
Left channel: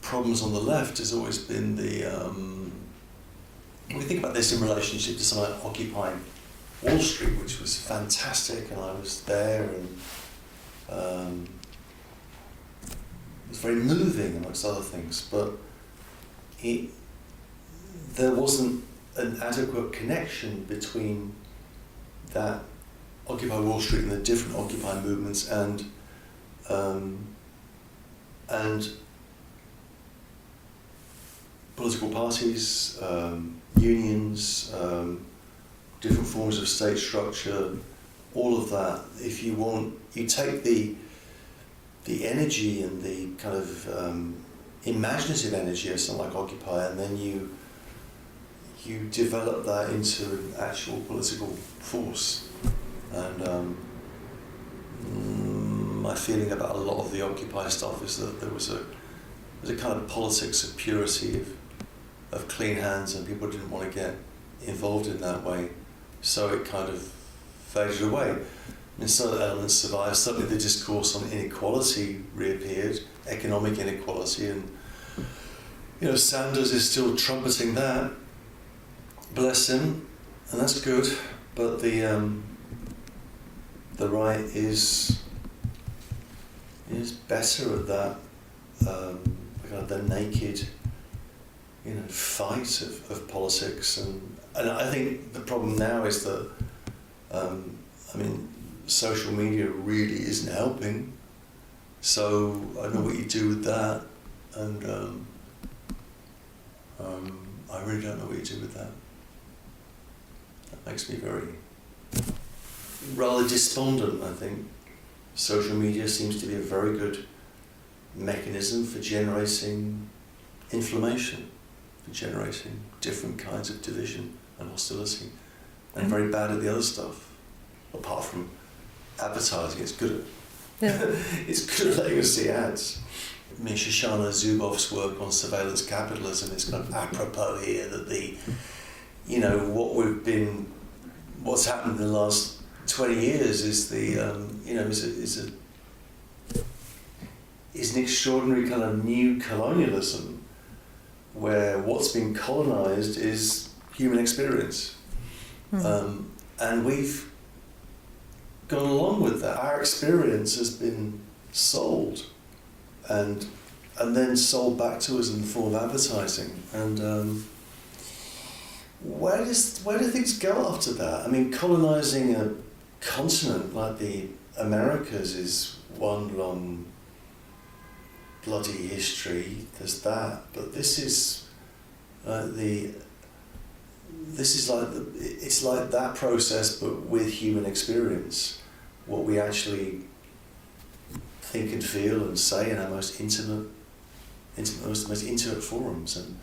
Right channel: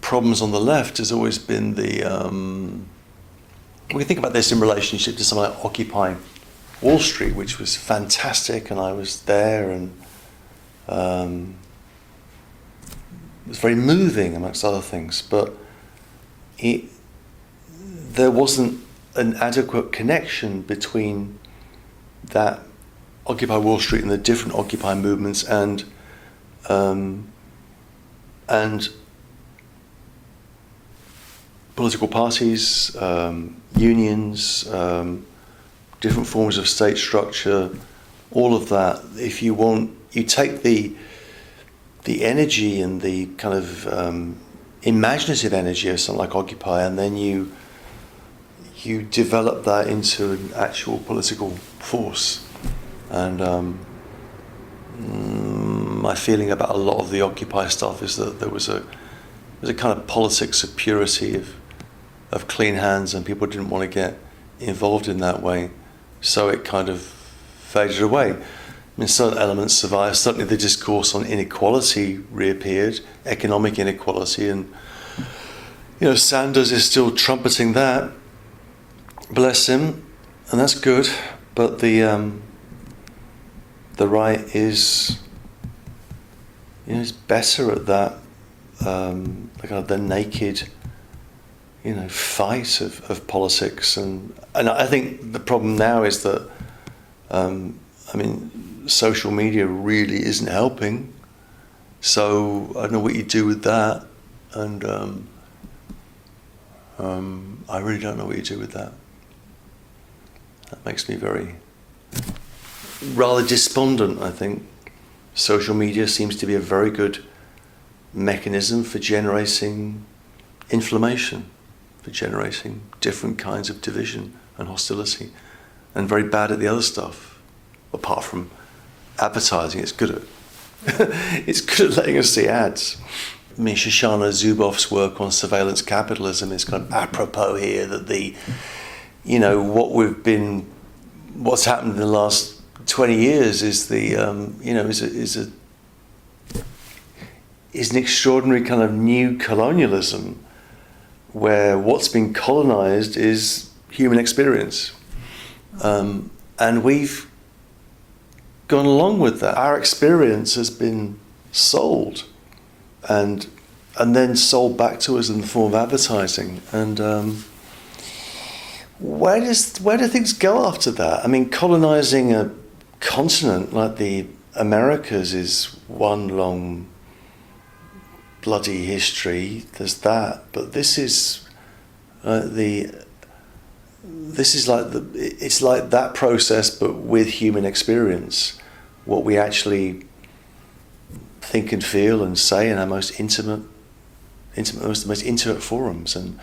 problems on the left has always been we can think about this in relationship to something like Occupy Wall Street, which was fantastic, and I was there, and it was very moving amongst other things, but there wasn't an adequate connection between that Occupy Wall Street and the different Occupy movements and political parties, unions, different forms of state structure, all of that. If you want, you take the energy and the kind of imaginative energy of something like Occupy, and then you develop that into an actual political force. And my feeling about a lot of the Occupy stuff is that there was a kind of politics of purity, of clean hands, and people didn't want to get involved in that way, so it kind of faded away. I mean, certain elements survived. Certainly the discourse on inequality reappeared, economic inequality, and Sanders is still trumpeting that, bless him, and that's good. But the right is better at that, the naked fight of politics, and I think the problem now is that social media really isn't helping. So I don't know what you do with that, and I really don't know what you do with that. That makes me rather despondent, I think. Social media seems to be a very good mechanism for generating inflammation, for generating different kinds of division and hostility, and very bad at the other stuff. Apart from advertising, it's good at it's good at letting us see ads. I mean, Shoshana Zuboff's work on surveillance capitalism is kind of apropos here, that what's happened in the last 20 years is is an extraordinary kind of new colonialism, where what's been colonized is human experience. And we've gone along with that. Our experience has been sold and then sold back to us in the form of advertising. And where do things go after that? I mean, colonizing a continent like the Americas is one long bloody history. There's that, but this is it's like that process, but with human experience. What we actually think and feel and say in our most intimate, most intimate forums, and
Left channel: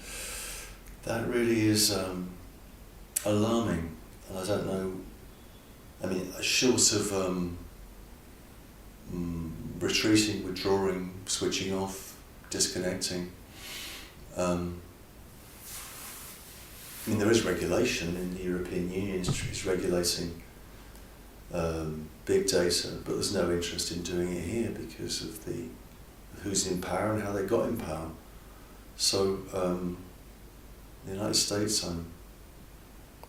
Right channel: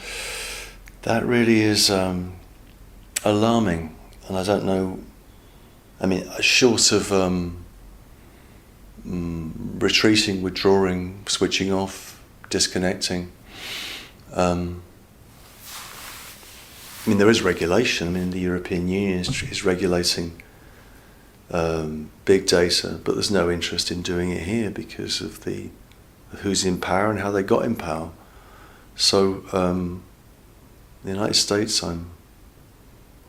that really is alarming. And I don't know. I mean, short of retreating, withdrawing, switching off, disconnecting. I mean, there is regulation. I mean, the European Union is regulating big data, but there's no interest in doing it here because of who's in power and how they got in power. So, in the United States, I'm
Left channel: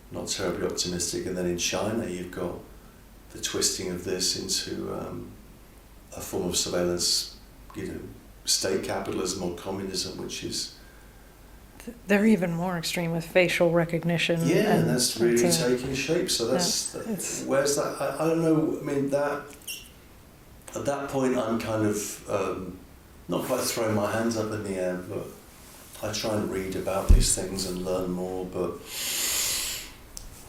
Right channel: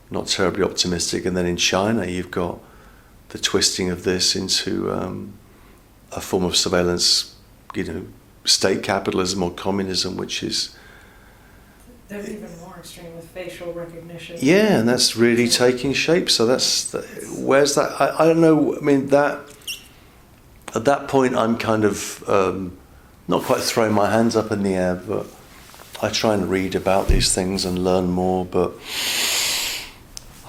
not terribly optimistic, and then in China, you've got the twisting of this into a form of surveillance, state capitalism or communism, which is. They're even more extreme with facial recognition. Yeah, and that's really taking shape. So where's that? I don't know. I mean, that at that point, I'm kind of not quite throwing my hands up in the air, but I try and read about these things and learn more. But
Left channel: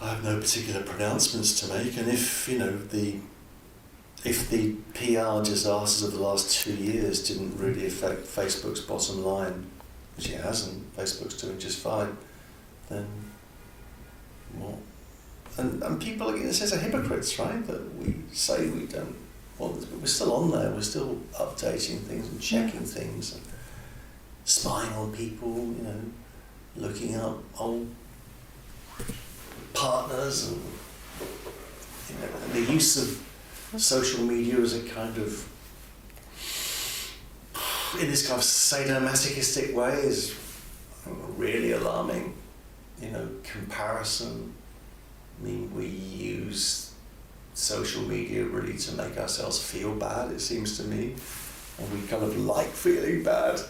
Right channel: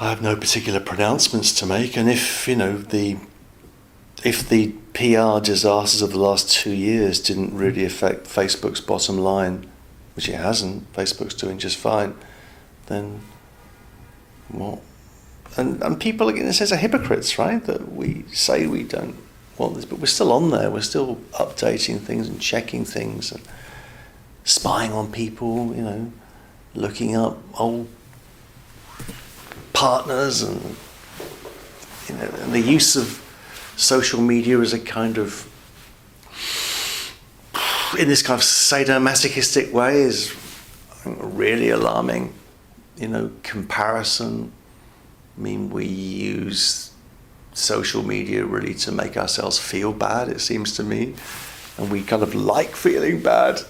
I have no particular pronouncements to make. And if the PR disasters of the last 2 years didn't really affect Facebook's bottom line, which it hasn't, Facebook's doing just fine, then what? And people, in a sense, are hypocrites, right? That we say we don't want this, but we're still on there. We're still updating things and checking things and spying on people, looking up old partners and, and the use of social media as a kind of, in this kind of sadomasochistic way, is really alarming. Comparison. I mean, we use social media really to make ourselves feel bad, it seems to me. And we kind of like feeling bad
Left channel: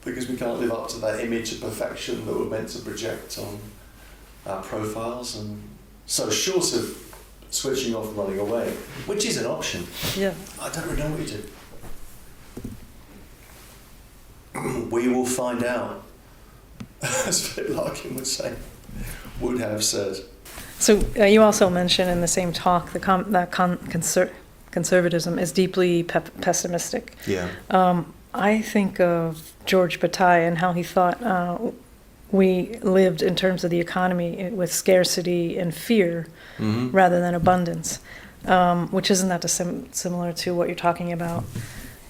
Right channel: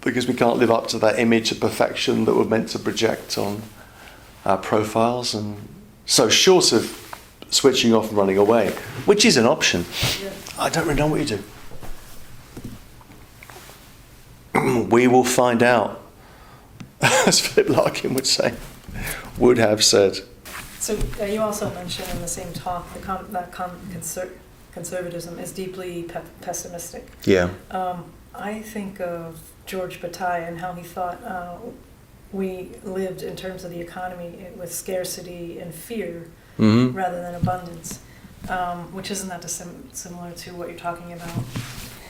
because we can't live up to that image of perfection that we're meant to project on our profiles. And so short of switching off and running away, which is an option. Yeah. I don't really know what you do. We will find out, as Philip Larkin would have said. So you also mentioned in the same talk that conservatism is deeply pessimistic. Yeah. I think of George Bataille and how he thought we lived in terms of the economy with scarcity and fear rather than abundance, which isn't that similar to what you're talking about.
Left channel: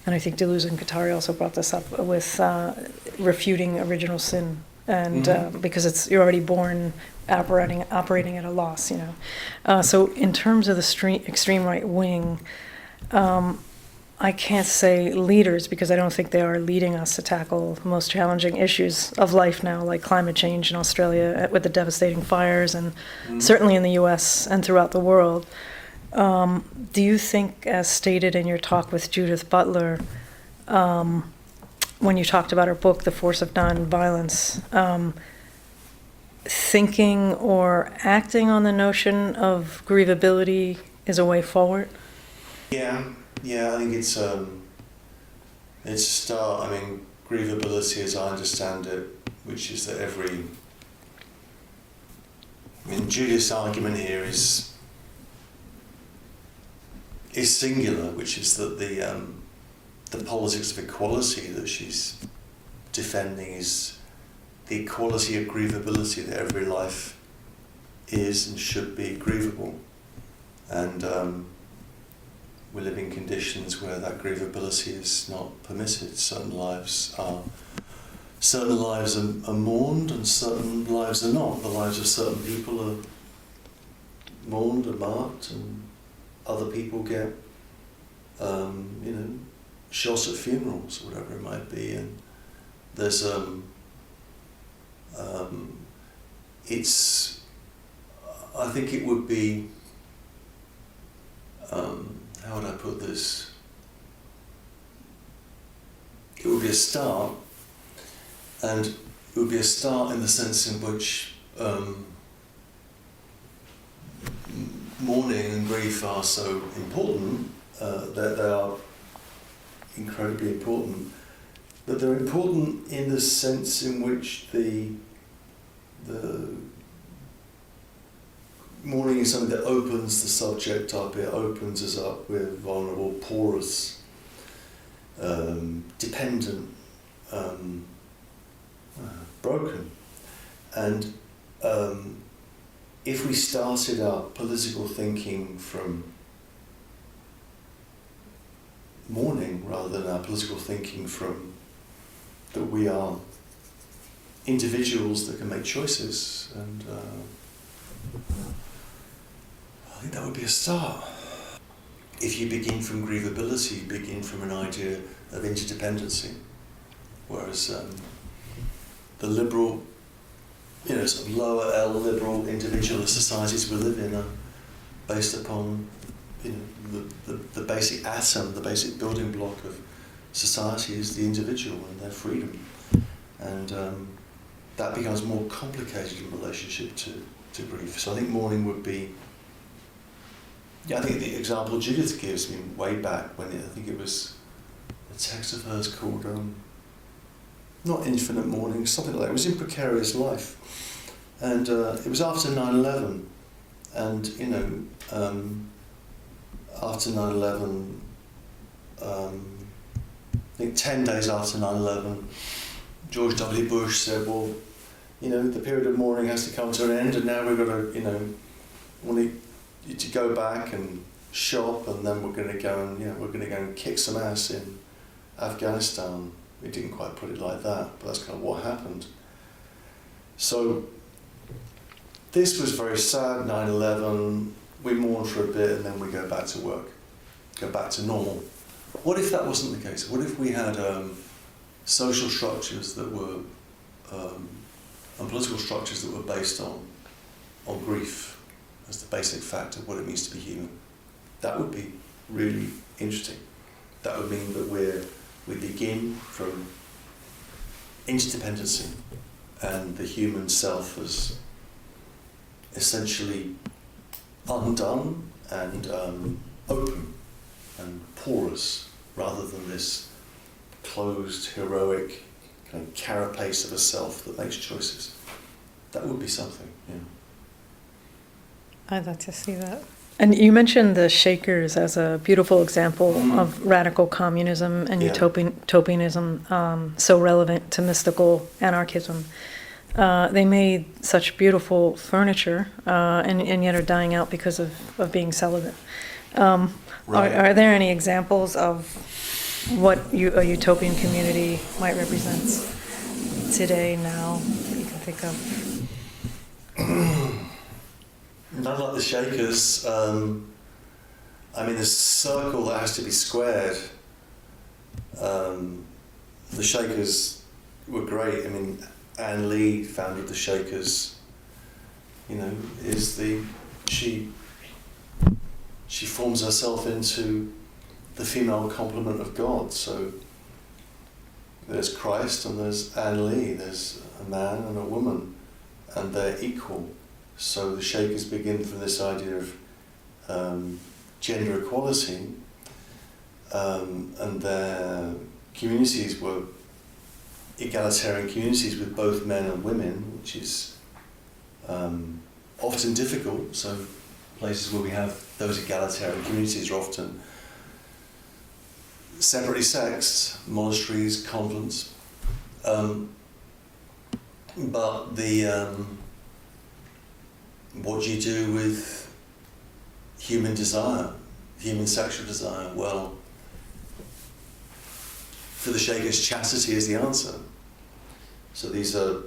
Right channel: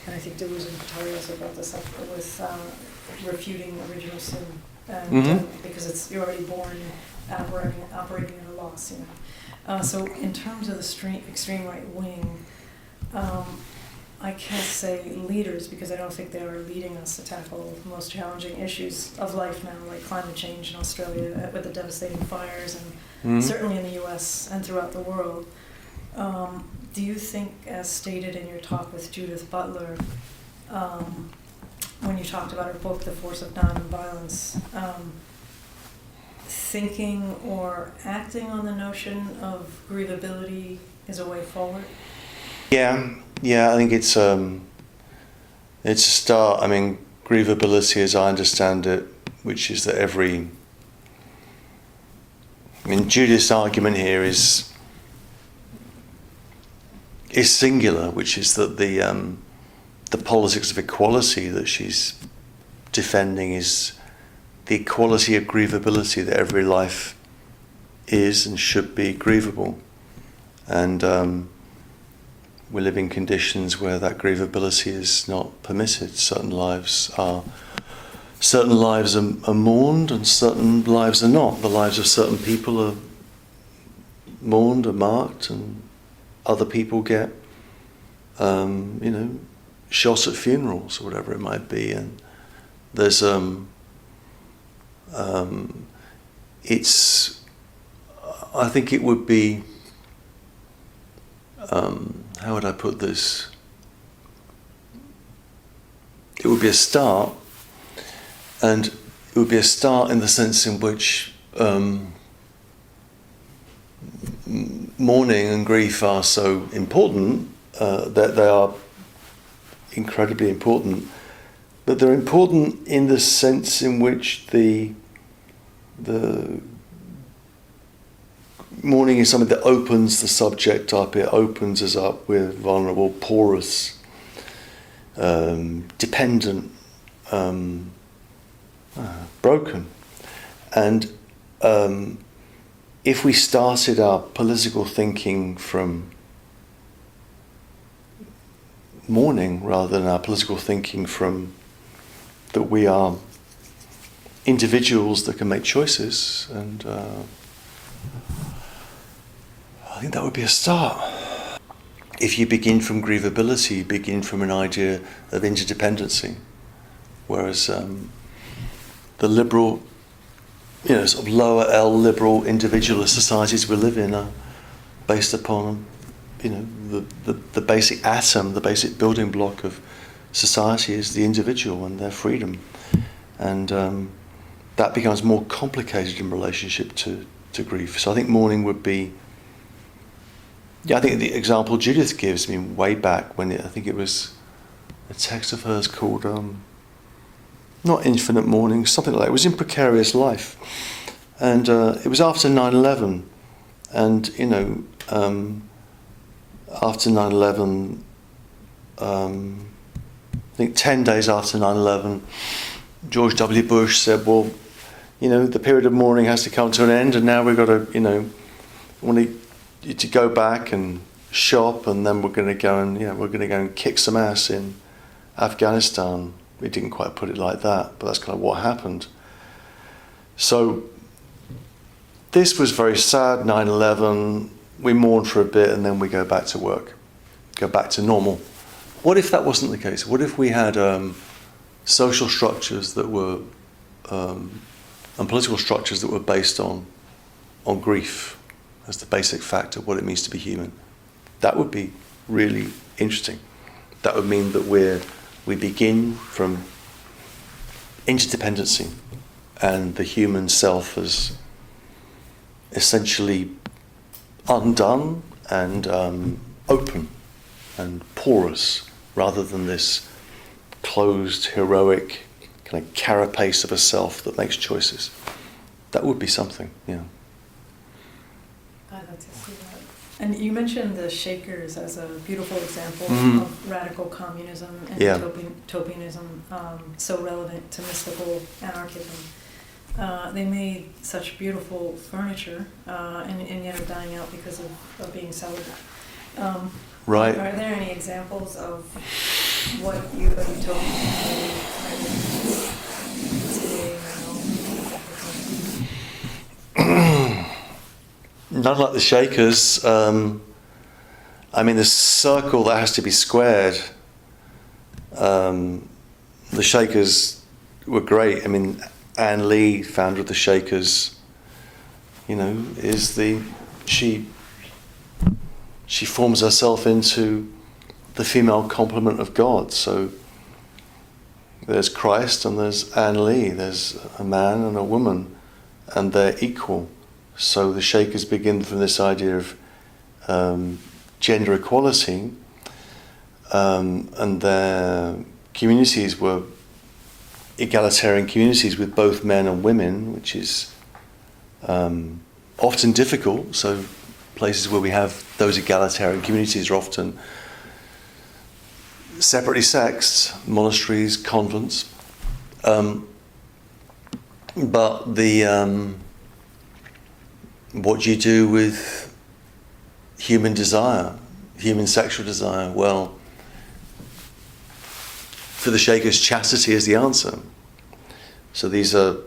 And I think Deleuze and Guattari also brought this up with refuting original sin, and because you're already born operating at a loss, So in terms of the extreme right wing, I can't say leaders because I don't think they are leading us to tackle the most challenging issues of life now, like climate change in Australia with the devastating fires, and certainly in the US and throughout the world. Do you think, as stated in your talk with Judith Butler, when you talked about her book, The Force of Nonviolence, thinking or acting on the notion of grievability is a way forward? Yeah, I think it's a start. I mean, grievability, as I understand it, which is that Judith's argument here is singular, which is that the politics of equality that she's defending is the equality of grievability, that every life is and should be grievable. And we live in conditions where that grievability is not permitted. Certain lives are mourned and certain lives are not. The lives of certain people are mourned and marked, and other people get shot at funerals or whatever it might be. And there's I think it would be, how would I put this? It would be a start, and it would be a start in the sense in which mourning and grief are so important, that they are incredibly important, but they're important in the sense in which the mourning is something that opens the subject up. It opens us up. We're vulnerable, porous, dependent, broken. And if we started our political thinking from mourning rather than our political thinking from that we are individuals that can make choices, and I think that would be a start. If you begin from grievability, you begin from an idea of interdependency, whereas the liberal, sort of lower L liberal individualist societies we live in are based upon, the basic atom, the basic building block of society is the individual and their freedom, and that becomes more complicated in relationship to grief. So I think mourning would be. Yeah, I think the example Judith gives, way back when I think it was a text of hers called, not Infinite Mourning, something like that. It was in Precarious Life. And it was after 9/11. And, after 9/11, I think 10 days after 9/11, George W. Bush said, well, the period of mourning has to come to an end, and now we've got to, to go back and shop, and then we're going to go and kick some ass in Afghanistan. We didn't quite put it like that, but that's kind of what happened. So this was very sad, 9/11. We mourn for a bit, and then we go back to work, go back to normal. What if that wasn't the case? What if we had social structures that were and political structures that were based on grief as the basic fact of what it means to be human? That would be really interesting. That would mean that we begin from interdependency, and the human self is essentially undone and open and porous, rather than this closed, heroic kind of carapace of a self that makes choices. That would be something, I'd love to see that. And you mentioned the Shakers as a beautiful example of radical communism and utopianism, so relevant to mystical anarchism. They made such beautiful furniture, and yet are dying out because of being celibate. Right. Are there any examples of what a utopian community might represent today, now, you can think of? Not like the Shakers. The circle that has to be squared. The Shakers were great. Anne Lee, founder of the Shakers, she forms herself into the female complement of God. So, There's Christ and there's Anne Lee. There's a man and a woman, and they're equal. So the Shakers begin from this idea of gender equality, and their communities were egalitarian communities with both men and women, which is often difficult. So places where we have those egalitarian communities are often separately sexed, monasteries, convents. But what do you do with human desire, human sexual desire? Well, for the Shakers, chastity is the answer. So these are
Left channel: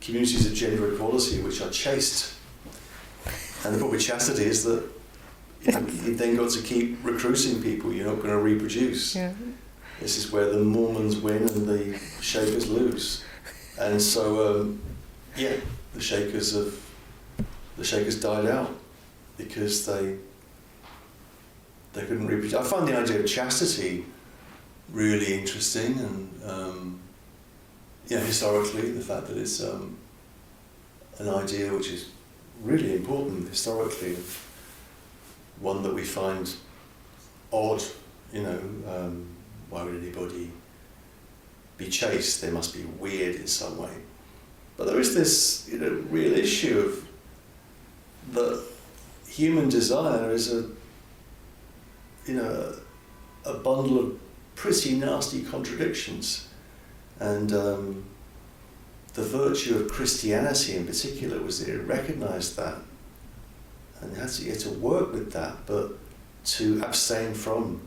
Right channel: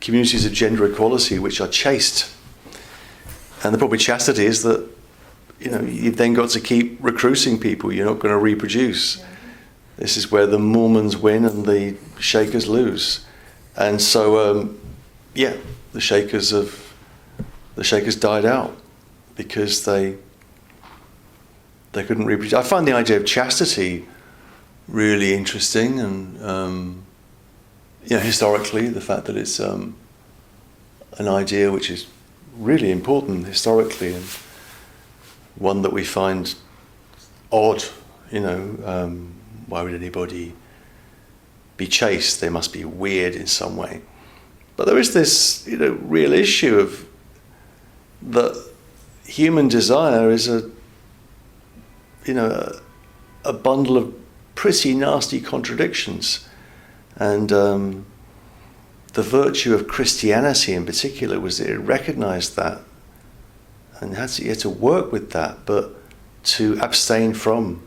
communities of gender equality which are chaste. And the problem with chastity is that, you've then got to keep recruiting people. You're not going to reproduce. Yeah. This is where the Mormons win and the Shakers lose. And so, the Shakers died out because they couldn't reproduce. I find the idea of chastity really interesting, and historically, the fact that it's an idea which is really important historically, and one that we find odd. Why would anybody be chaste? They must be weird in some way. But there is this, real issue of that human desire is a bundle of pretty nasty contradictions, and the virtue of Christianity in particular was that it recognised that and had to work with that, but to abstain from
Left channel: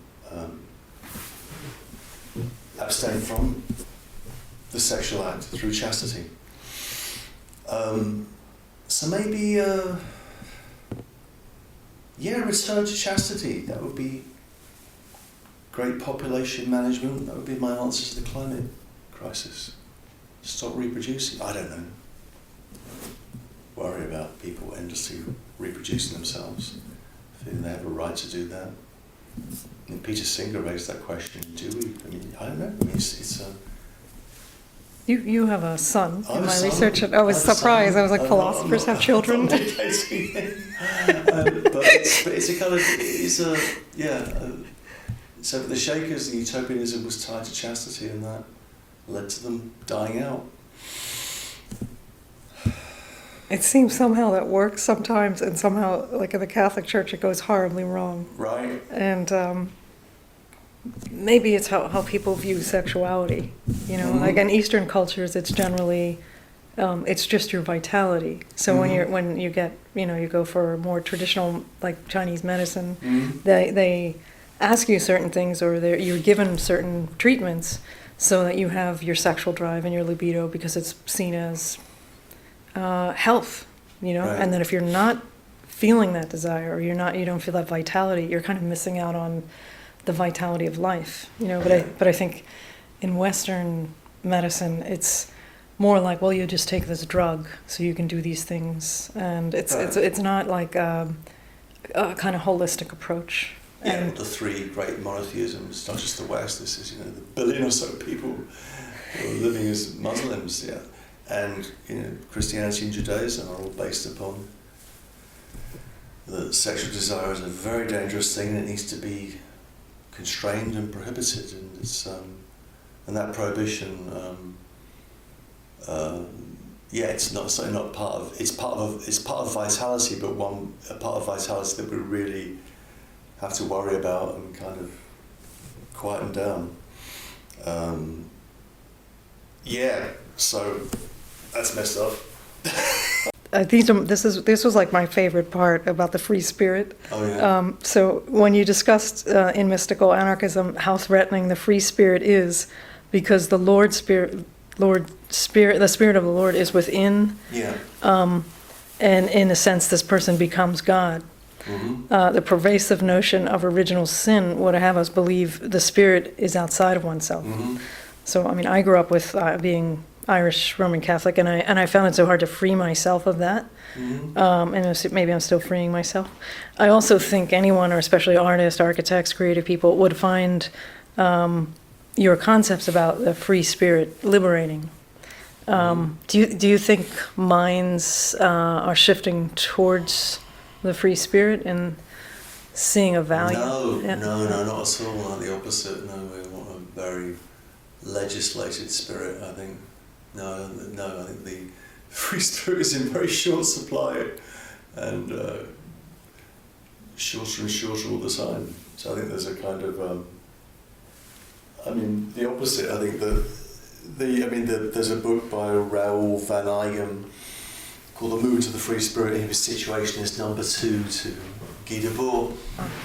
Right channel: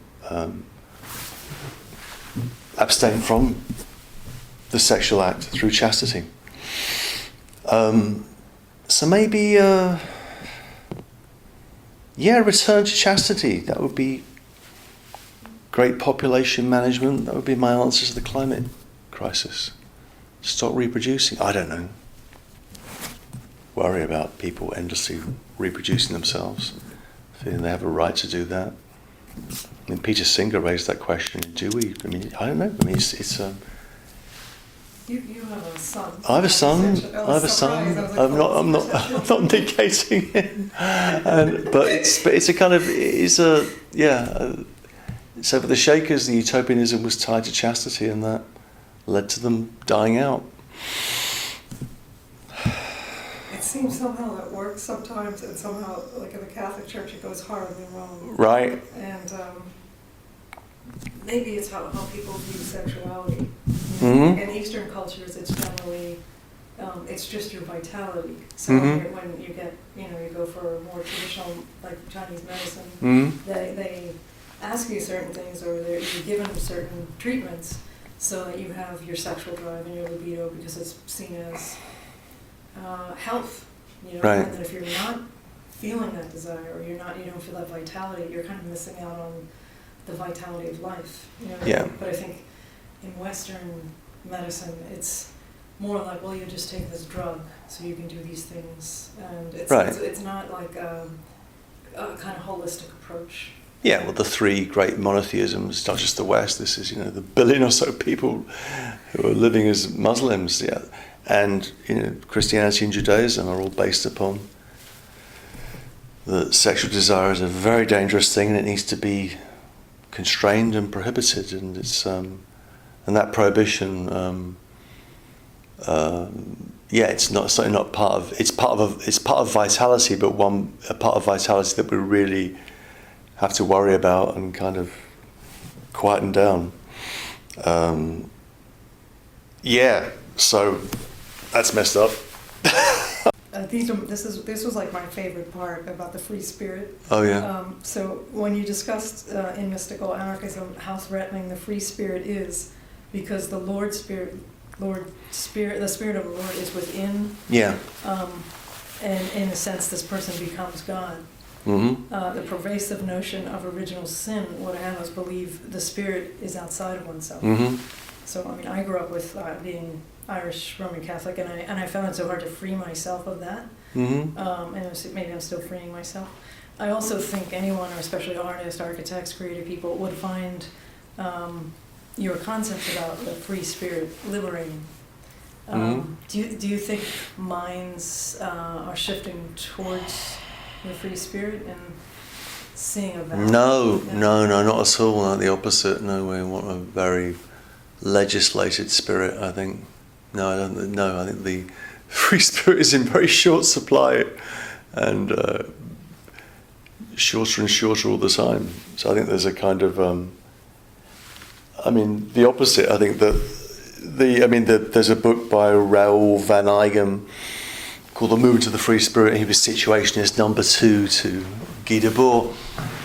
the sexual act through chastity. So maybe, return to chastity. That would be great population management. That would be my answer to the climate crisis. Stop reproducing. I don't know. Worry about people endlessly reproducing themselves, feeling they have a right to do that. I mean, Peter Singer raised that question. Do we? I mean, I don't know. I mean, it's You have a son. I have a son. I was surprised. I was like, philosophers have children. I'm not negating him. But it's a kind of, so for the Shakers, the utopianism was tied to chastity, and that led to them dying out. It seems somehow that works sometimes, and somehow, like in the Catholic Church, it goes horribly wrong. Right. And maybe it's how people view sexuality. Mm-hmm. Like in Eastern cultures, it's generally it's just your vitality. So Mm-hmm. when you get you go for more traditional like Chinese medicine, Mm-hmm. they ask you certain things, or you're given certain treatments so that you have your sexual drive and your libido, because it's seen as health, Right. and then if you're not feeling that desire, or you don't feel that vitality, you're kind of missing out on the vitality of life, But I think in Western medicine, it's more like, well, you just take this drug so you can do these things, and it's not like a kind of holistic approach. Yeah, well, the three great monotheisms, not just the West. This is the billion or so people who are living as Muslims, and Christianity and Judaism are all based upon that sexual desire is a very dangerous thing, and it needs to be constrained and prohibited, and it's and that prohibition, it's not part of. It's part of vitality, but a part of vitality that we really have to worry about and kind of quieten down. So that's messed up. This was like my favorite part about the free spirit. Oh yeah. So when you discussed in mystical anarchism how threatening the free spirit is, because the the spirit of the Lord is within. Yeah. And in a sense, this person becomes God. Mm-hmm. The pervasive notion of original sin would have us believe the spirit is outside of oneself. Mm-hmm. So I mean, I grew up with being Irish Roman Catholic, and I found it so hard to free myself of that. Mm-hmm. And maybe I'm still freeing myself. I also think anyone, or especially artists, architects, creative people, would find your concepts about the free spirit liberating. Do you think minds are shifting towards the free spirit and seeing a value? No, not at all. Not the opposite. No, we want a very legislated spirit, I think. No, I don't. No, I think the free spirit is in very short supply, and shorter and shorter all the time. So I think there's a kind of, the opposite. I think that there's a book by Raoul van Eygen called The Movement of the Free Spirit. He was situationist number 2 to Guy Debord,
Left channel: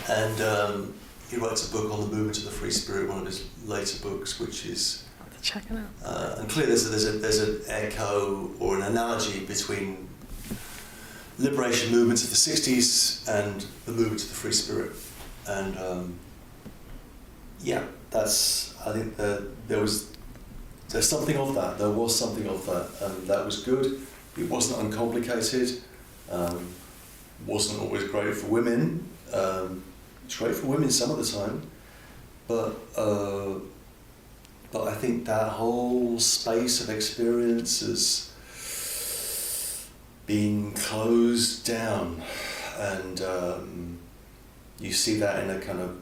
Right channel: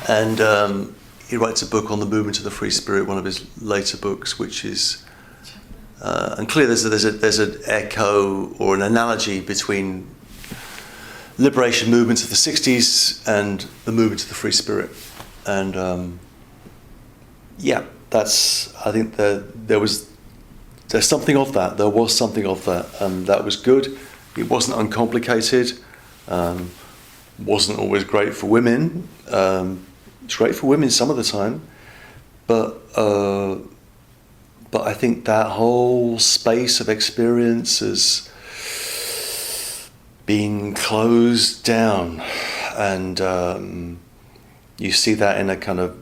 and he writes a book on the movement of the free spirit, one of his later books, which is. Check it out. And clearly there's an echo or an analogy between liberation movements of the 60s and the movement of the free spirit. And I think there's something of that. There was something of that, and that was good. It wasn't uncomplicated. Wasn't always great for women. It's great for women some of the time, but I think that whole space of experience has been closed down, and you see that in a kind of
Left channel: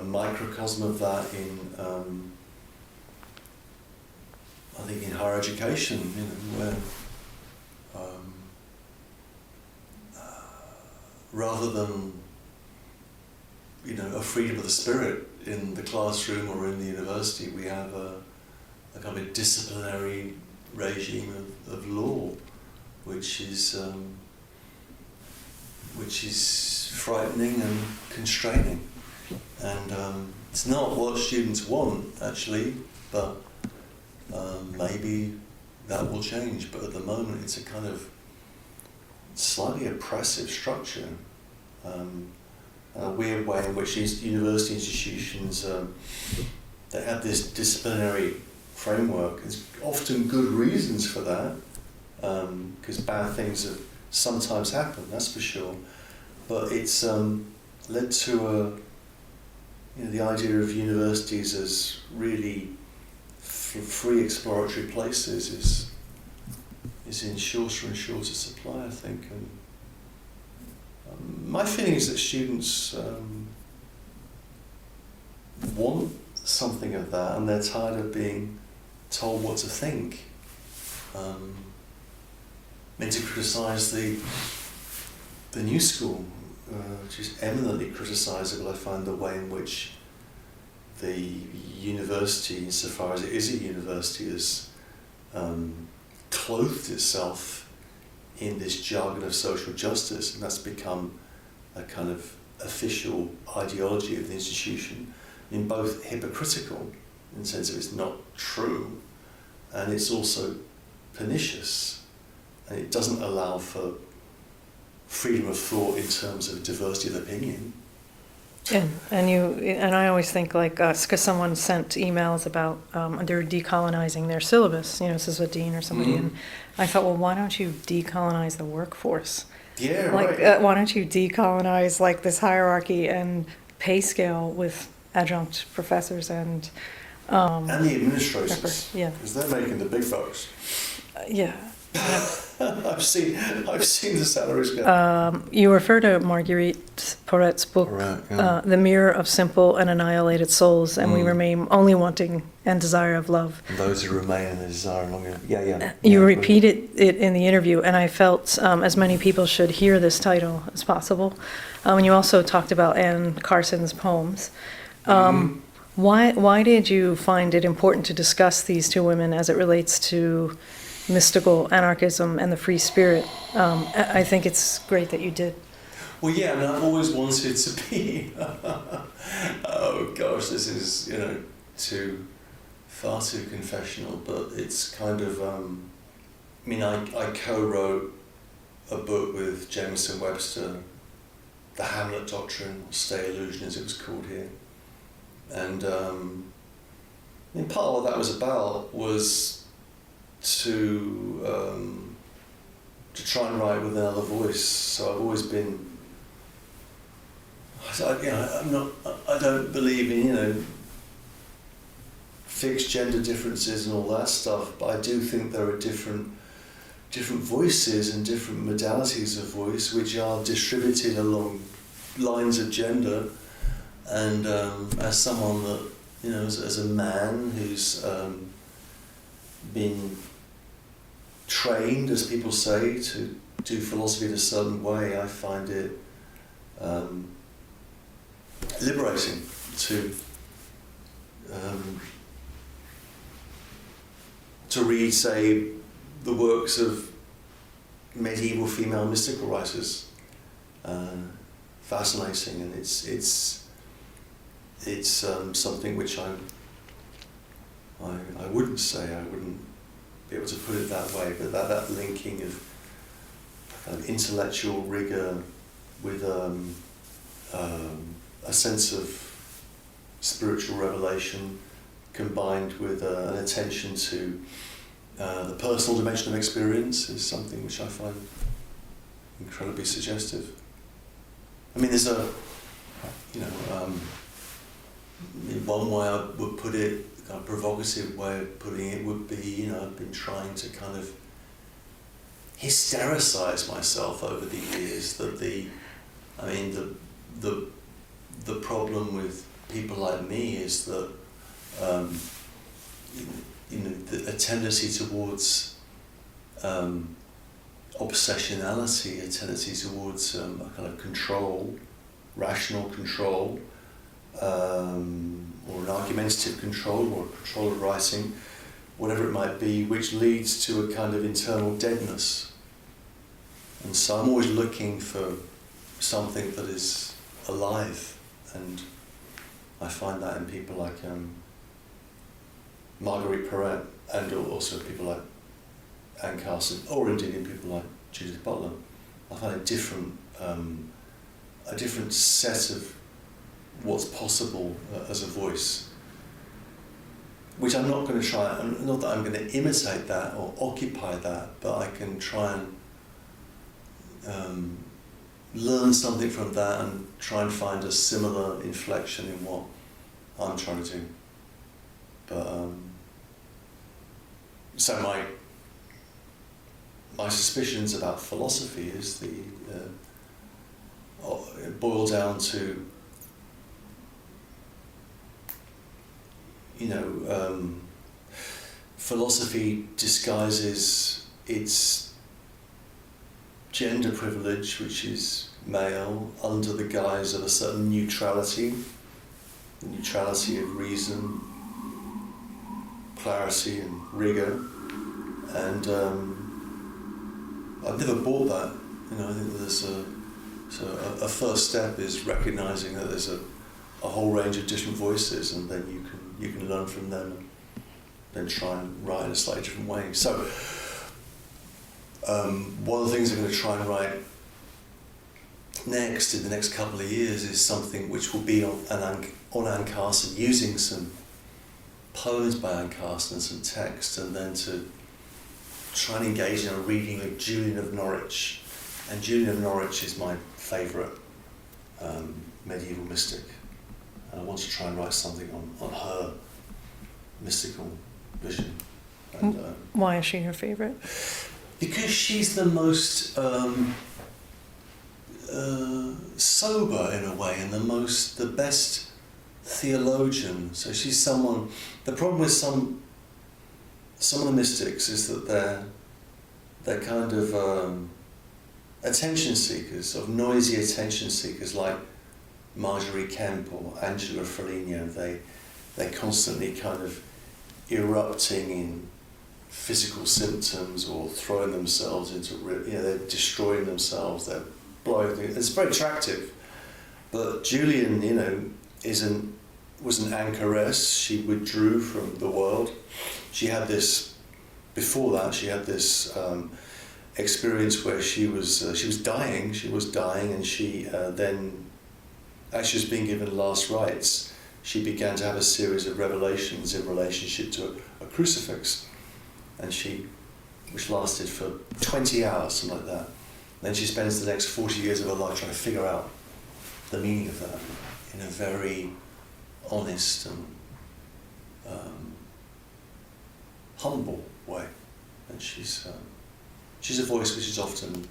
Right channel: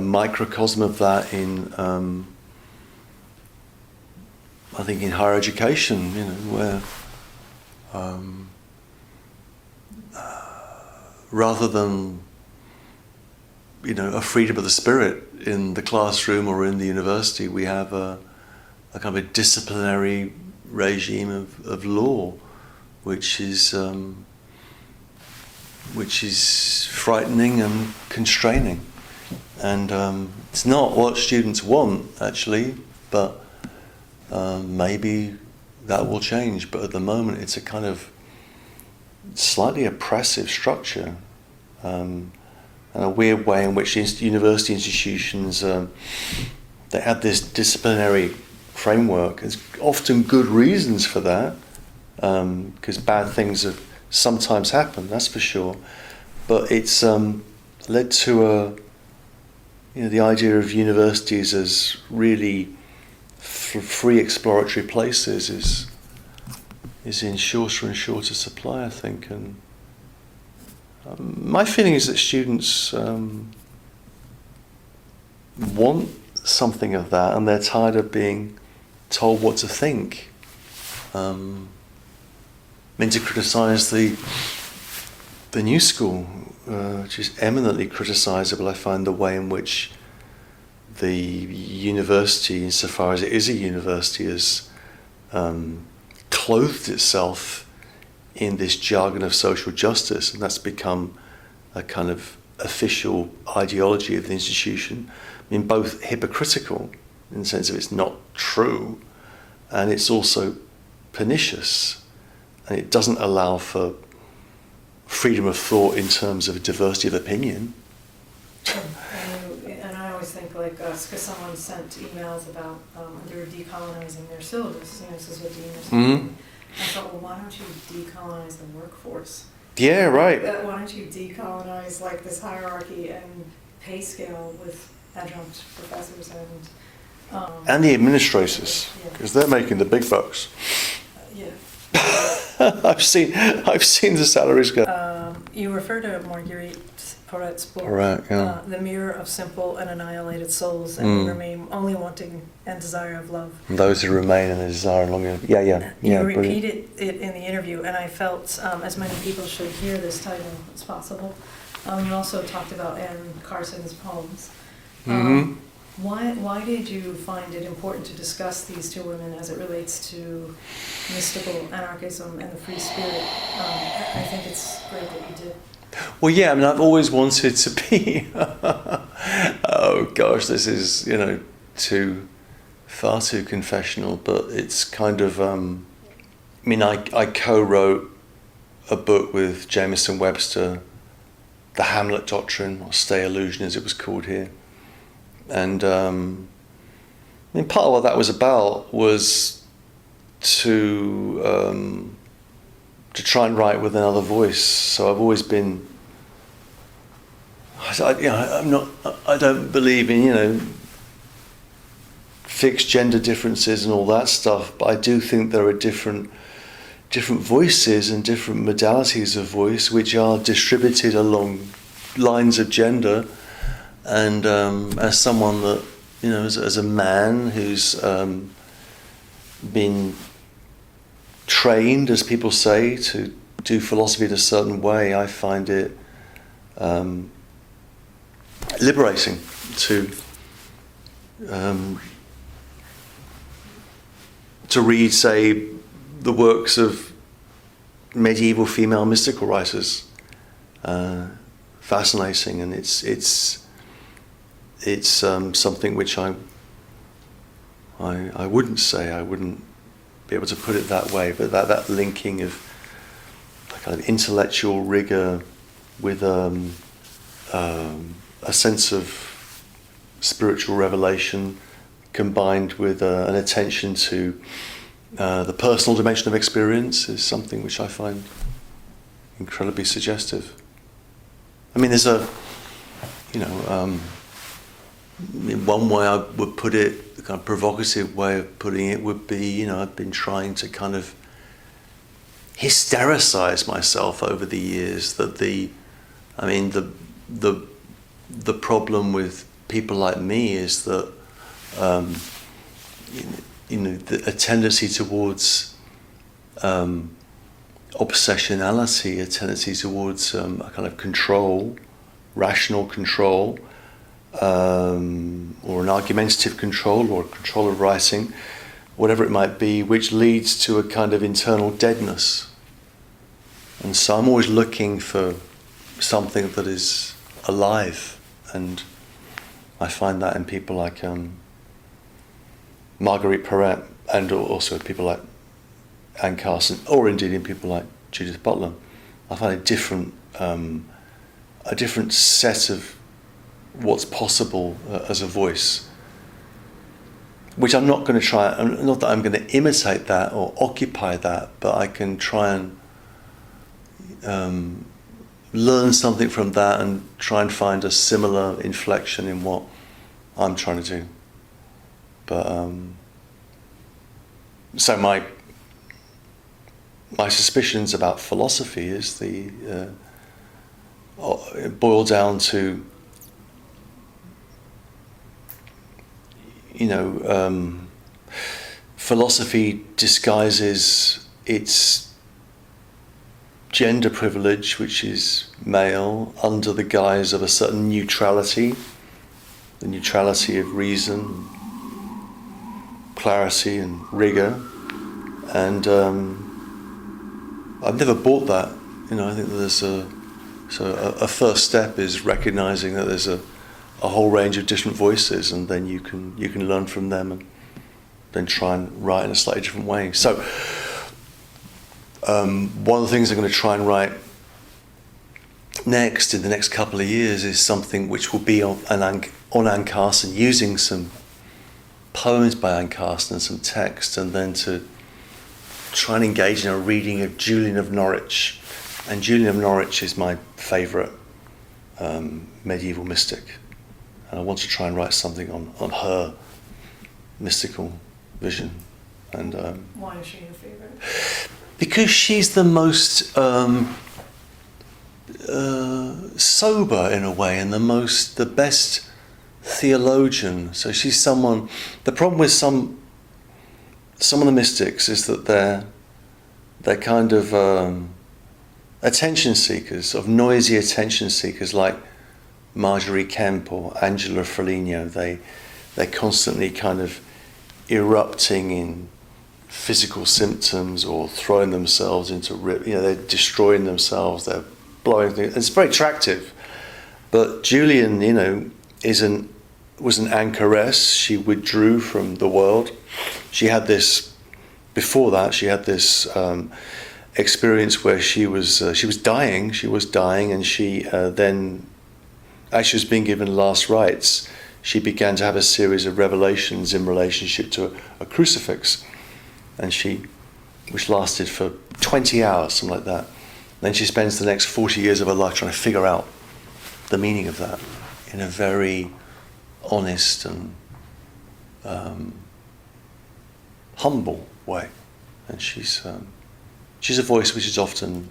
microcosm of that in I think in higher education, where rather than a freedom of the spirit in the classroom or in the university, we have a kind of a disciplinary regime of law, which is frightening and constraining, and it's not what students want actually, but maybe that will change. But at the moment, it's a kind of slightly oppressive structure. And a weird way in which university institutions they have this disciplinary framework. There's often good reasons for that, because bad things have sometimes happened, that's for sure. But it's led to the idea of universities as really free exploratory places is in shorter and shorter supply, I think. And my feeling is that students want something of that, and they're tired of being told what to think. To criticise the new school, which is eminently criticisable, I find the way in which the university, insofar as it is a university, has clothed itself in this jargon of social justice, and that's become a kind of official ideology of the institution. I mean, both hypocritical in the sense of it's not true, and it's also pernicious, and it doesn't allow for freedom of thought in terms of diversity of opinion. And I always think like us, because someone sent emails about they're decolonizing their syllabus. This is a dean or something. Mm-hmm. I thought, well, why don't you decolonize the workforce? Yeah, right. Why don't you decolonize like this hierarchy and pay scale with adjunct professors and the administrators, because they're making the big bucks. Yeah. I've seen the salaries go. You refer to Marguerite Porret's book, The Mirror of Simple and Annihilated Souls, and we remain only wanting and desire of love. And those who remain in the desire longer. You repeated it in the interview, and I felt as many people should hear this title as possible. And you also talked about Anne Carson's poems. Why did you find it important to discuss these two women as it relates to mystical anarchism and the free spirit? I think it's great that you did. Well, yeah, I've always wanted to be. Oh gosh, this is far too confessional, but it's kind of. I co-wrote a book with Jameson Webster, The Hamlet Doctrine, or Stay Illusion as it was called here. And part of what that was about was to try and write with another voice. So I've always been. I don't believe in fixed gender differences and all that stuff, but I do think there are different voices and different modalities of voice which are distributed along lines of gender. And as someone that, as a man who's been trained, as people say, to do philosophy in a certain way, I find it liberating to read, say, the works of medieval female mystical writers. Fascinating, and it's something which I wouldn't say, I wouldn't be able to put it that way, but that linking of kind of intellectual rigor with a sense of spiritual revelation combined with an attention to the personal dimension of experience is something which I find incredibly suggestive. I mean, there's in one way I would put it, the kind of provocative way of putting it would be, I've been trying to kind of hystericize myself over the years that the problem with people like me is that a tendency towards obsessionality, a tendency towards a kind of control, rational control, or an argumentative control, or control of writing, whatever it might be, which leads to a kind of internal deadness. And so I'm always looking for something that is alive, and I find that in people like Marguerite Perret, and also people like Anne Carson, or indeed in people like Judith Butler. I find a different set of what's possible as a voice, which I'm not going to try, not that I'm going to imitate that or occupy that, but I can try and learn something from that and try and find a similar inflection in what I'm trying to do. But so my suspicions about philosophy is it boil down to philosophy disguises its gender privilege, which is male, under the guise of a certain neutrality, the neutrality of reason, clarity and rigor, and I've never bought that. I think that there's a first step is recognizing that there's a whole range of different voices, and then you can learn from them and then try and write in a slightly different way. So one of the things I'm going to try and write next, in the next couple of years, is something which will be on Anne Carson, using some poems by Anne Carson and some text, and then to try and engage in a reading of Julian of Norwich. And Julian of Norwich is my favourite medieval mystic, and I want to try and write something on her mystical vision. And why is she your favourite? Because she's the most sober in a way, and the best theologian. So she's someone. The problem with some of the mystics is that they're kind of attention seekers, of noisy attention seekers, like Marjorie Kemp or Angela Foligno. They're constantly kind of erupting in physical symptoms or throwing themselves into they're destroying themselves, they're blowing things. It's very attractive. But Julian, was an anchoress. She withdrew from the world. She had this experience where she was dying, and she then, as she was being given last rites, she began to have a series of revelations in relationship to a crucifix, which lasted for 20 hours, something like that. Then she spends the next 40 years of her life trying to figure out the meaning of that in a very honest and humble way, and she's a voice which is often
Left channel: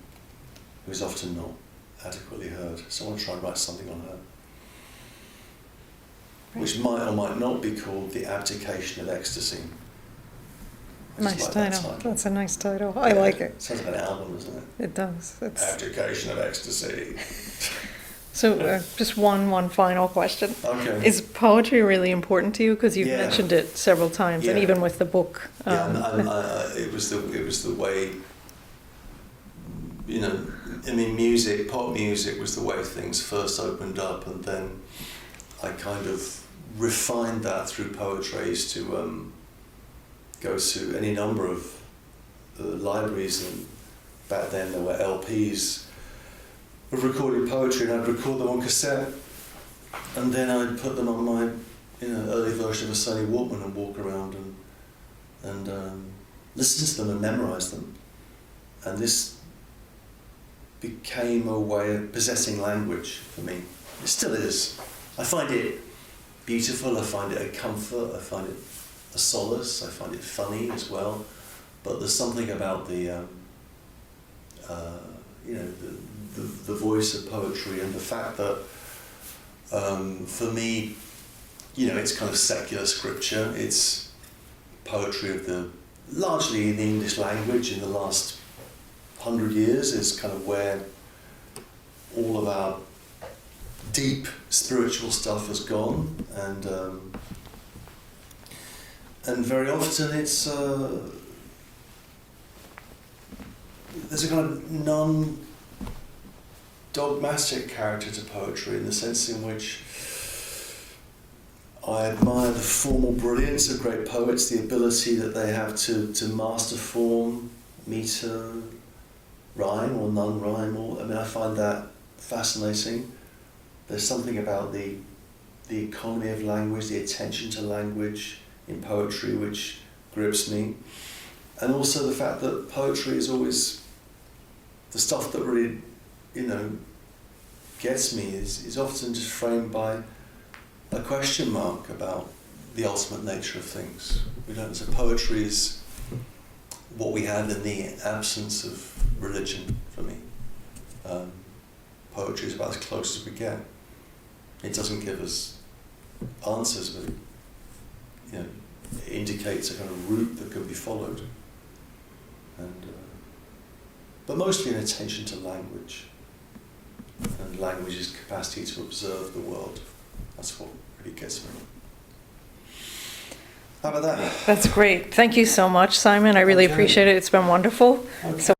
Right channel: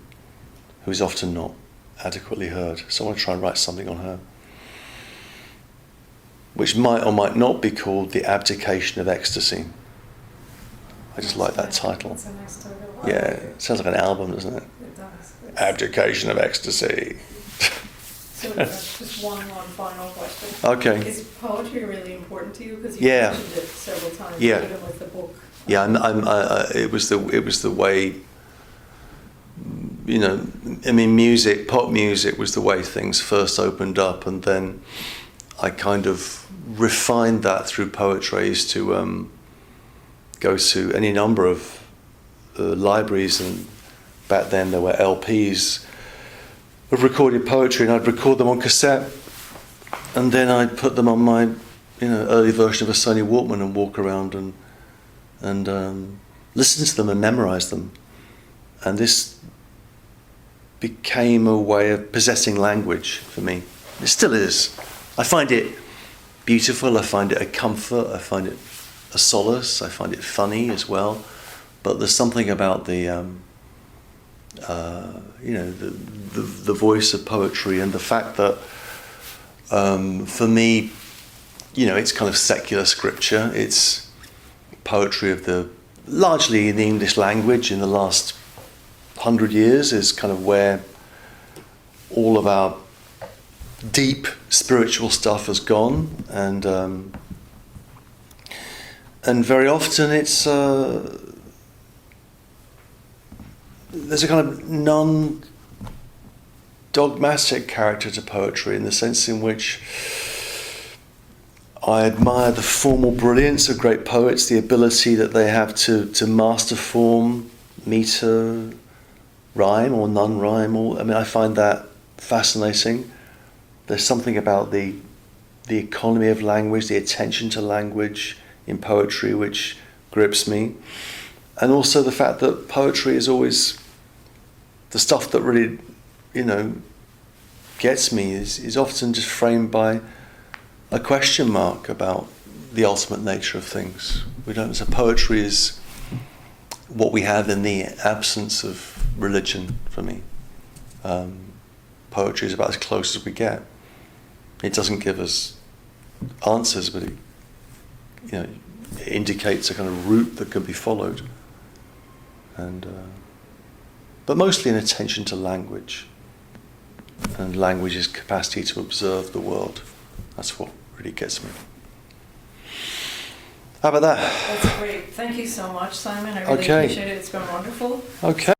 not adequately heard. So I want to try and write something on her, which might or might not be called The Abdication of Ecstasy. I just like that title. That's a nice title. I like it. Sounds like an album, doesn't it? It does. Abdication of Ecstasy. So just one final question. Okay. Is poetry really important to you? Because you mentioned it several times, even with the book. It was the way, music, pop music was the way things first opened up, and then I kind of refined that through poetry to go to any number of libraries, and back then there were LPs of recorded poetry, and I'd record them on cassette, and then I'd put them on my early version of a Sony Walkman and walk around and listen to them and memorize them. And this became a way of possessing language for me. It still is. I find it beautiful, I find it a comfort, I find it a solace, I find it funny as well. But there's something about the voice of poetry, and the fact that for me, it's kind of secular scripture. It's poetry largely in the English language in the last 100 years is kind of where all of our deep spiritual stuff has gone, and very often it's there's a kind of non-dogmatic character to poetry, in the sense in which I admire the formal brilliance of great poets, the ability that they have to master form, meter, rhyme or non-rhyme. I find that fascinating. There's something about the economy of language, the attention to language in poetry which grips me. And also the fact that poetry is always the stuff that really, gets me is often just framed by a question mark about the ultimate nature of things. So poetry is what we have in the absence of religion for me. Poetry is about as close as we get. It doesn't give us answers, but it indicates a kind of route that can be followed. And but mostly an attention to language, and language's capacity to observe the world. That's what really gets me. How about that? That's great. Thank you so much, Simon. I really appreciate it. It's been wonderful. Okay.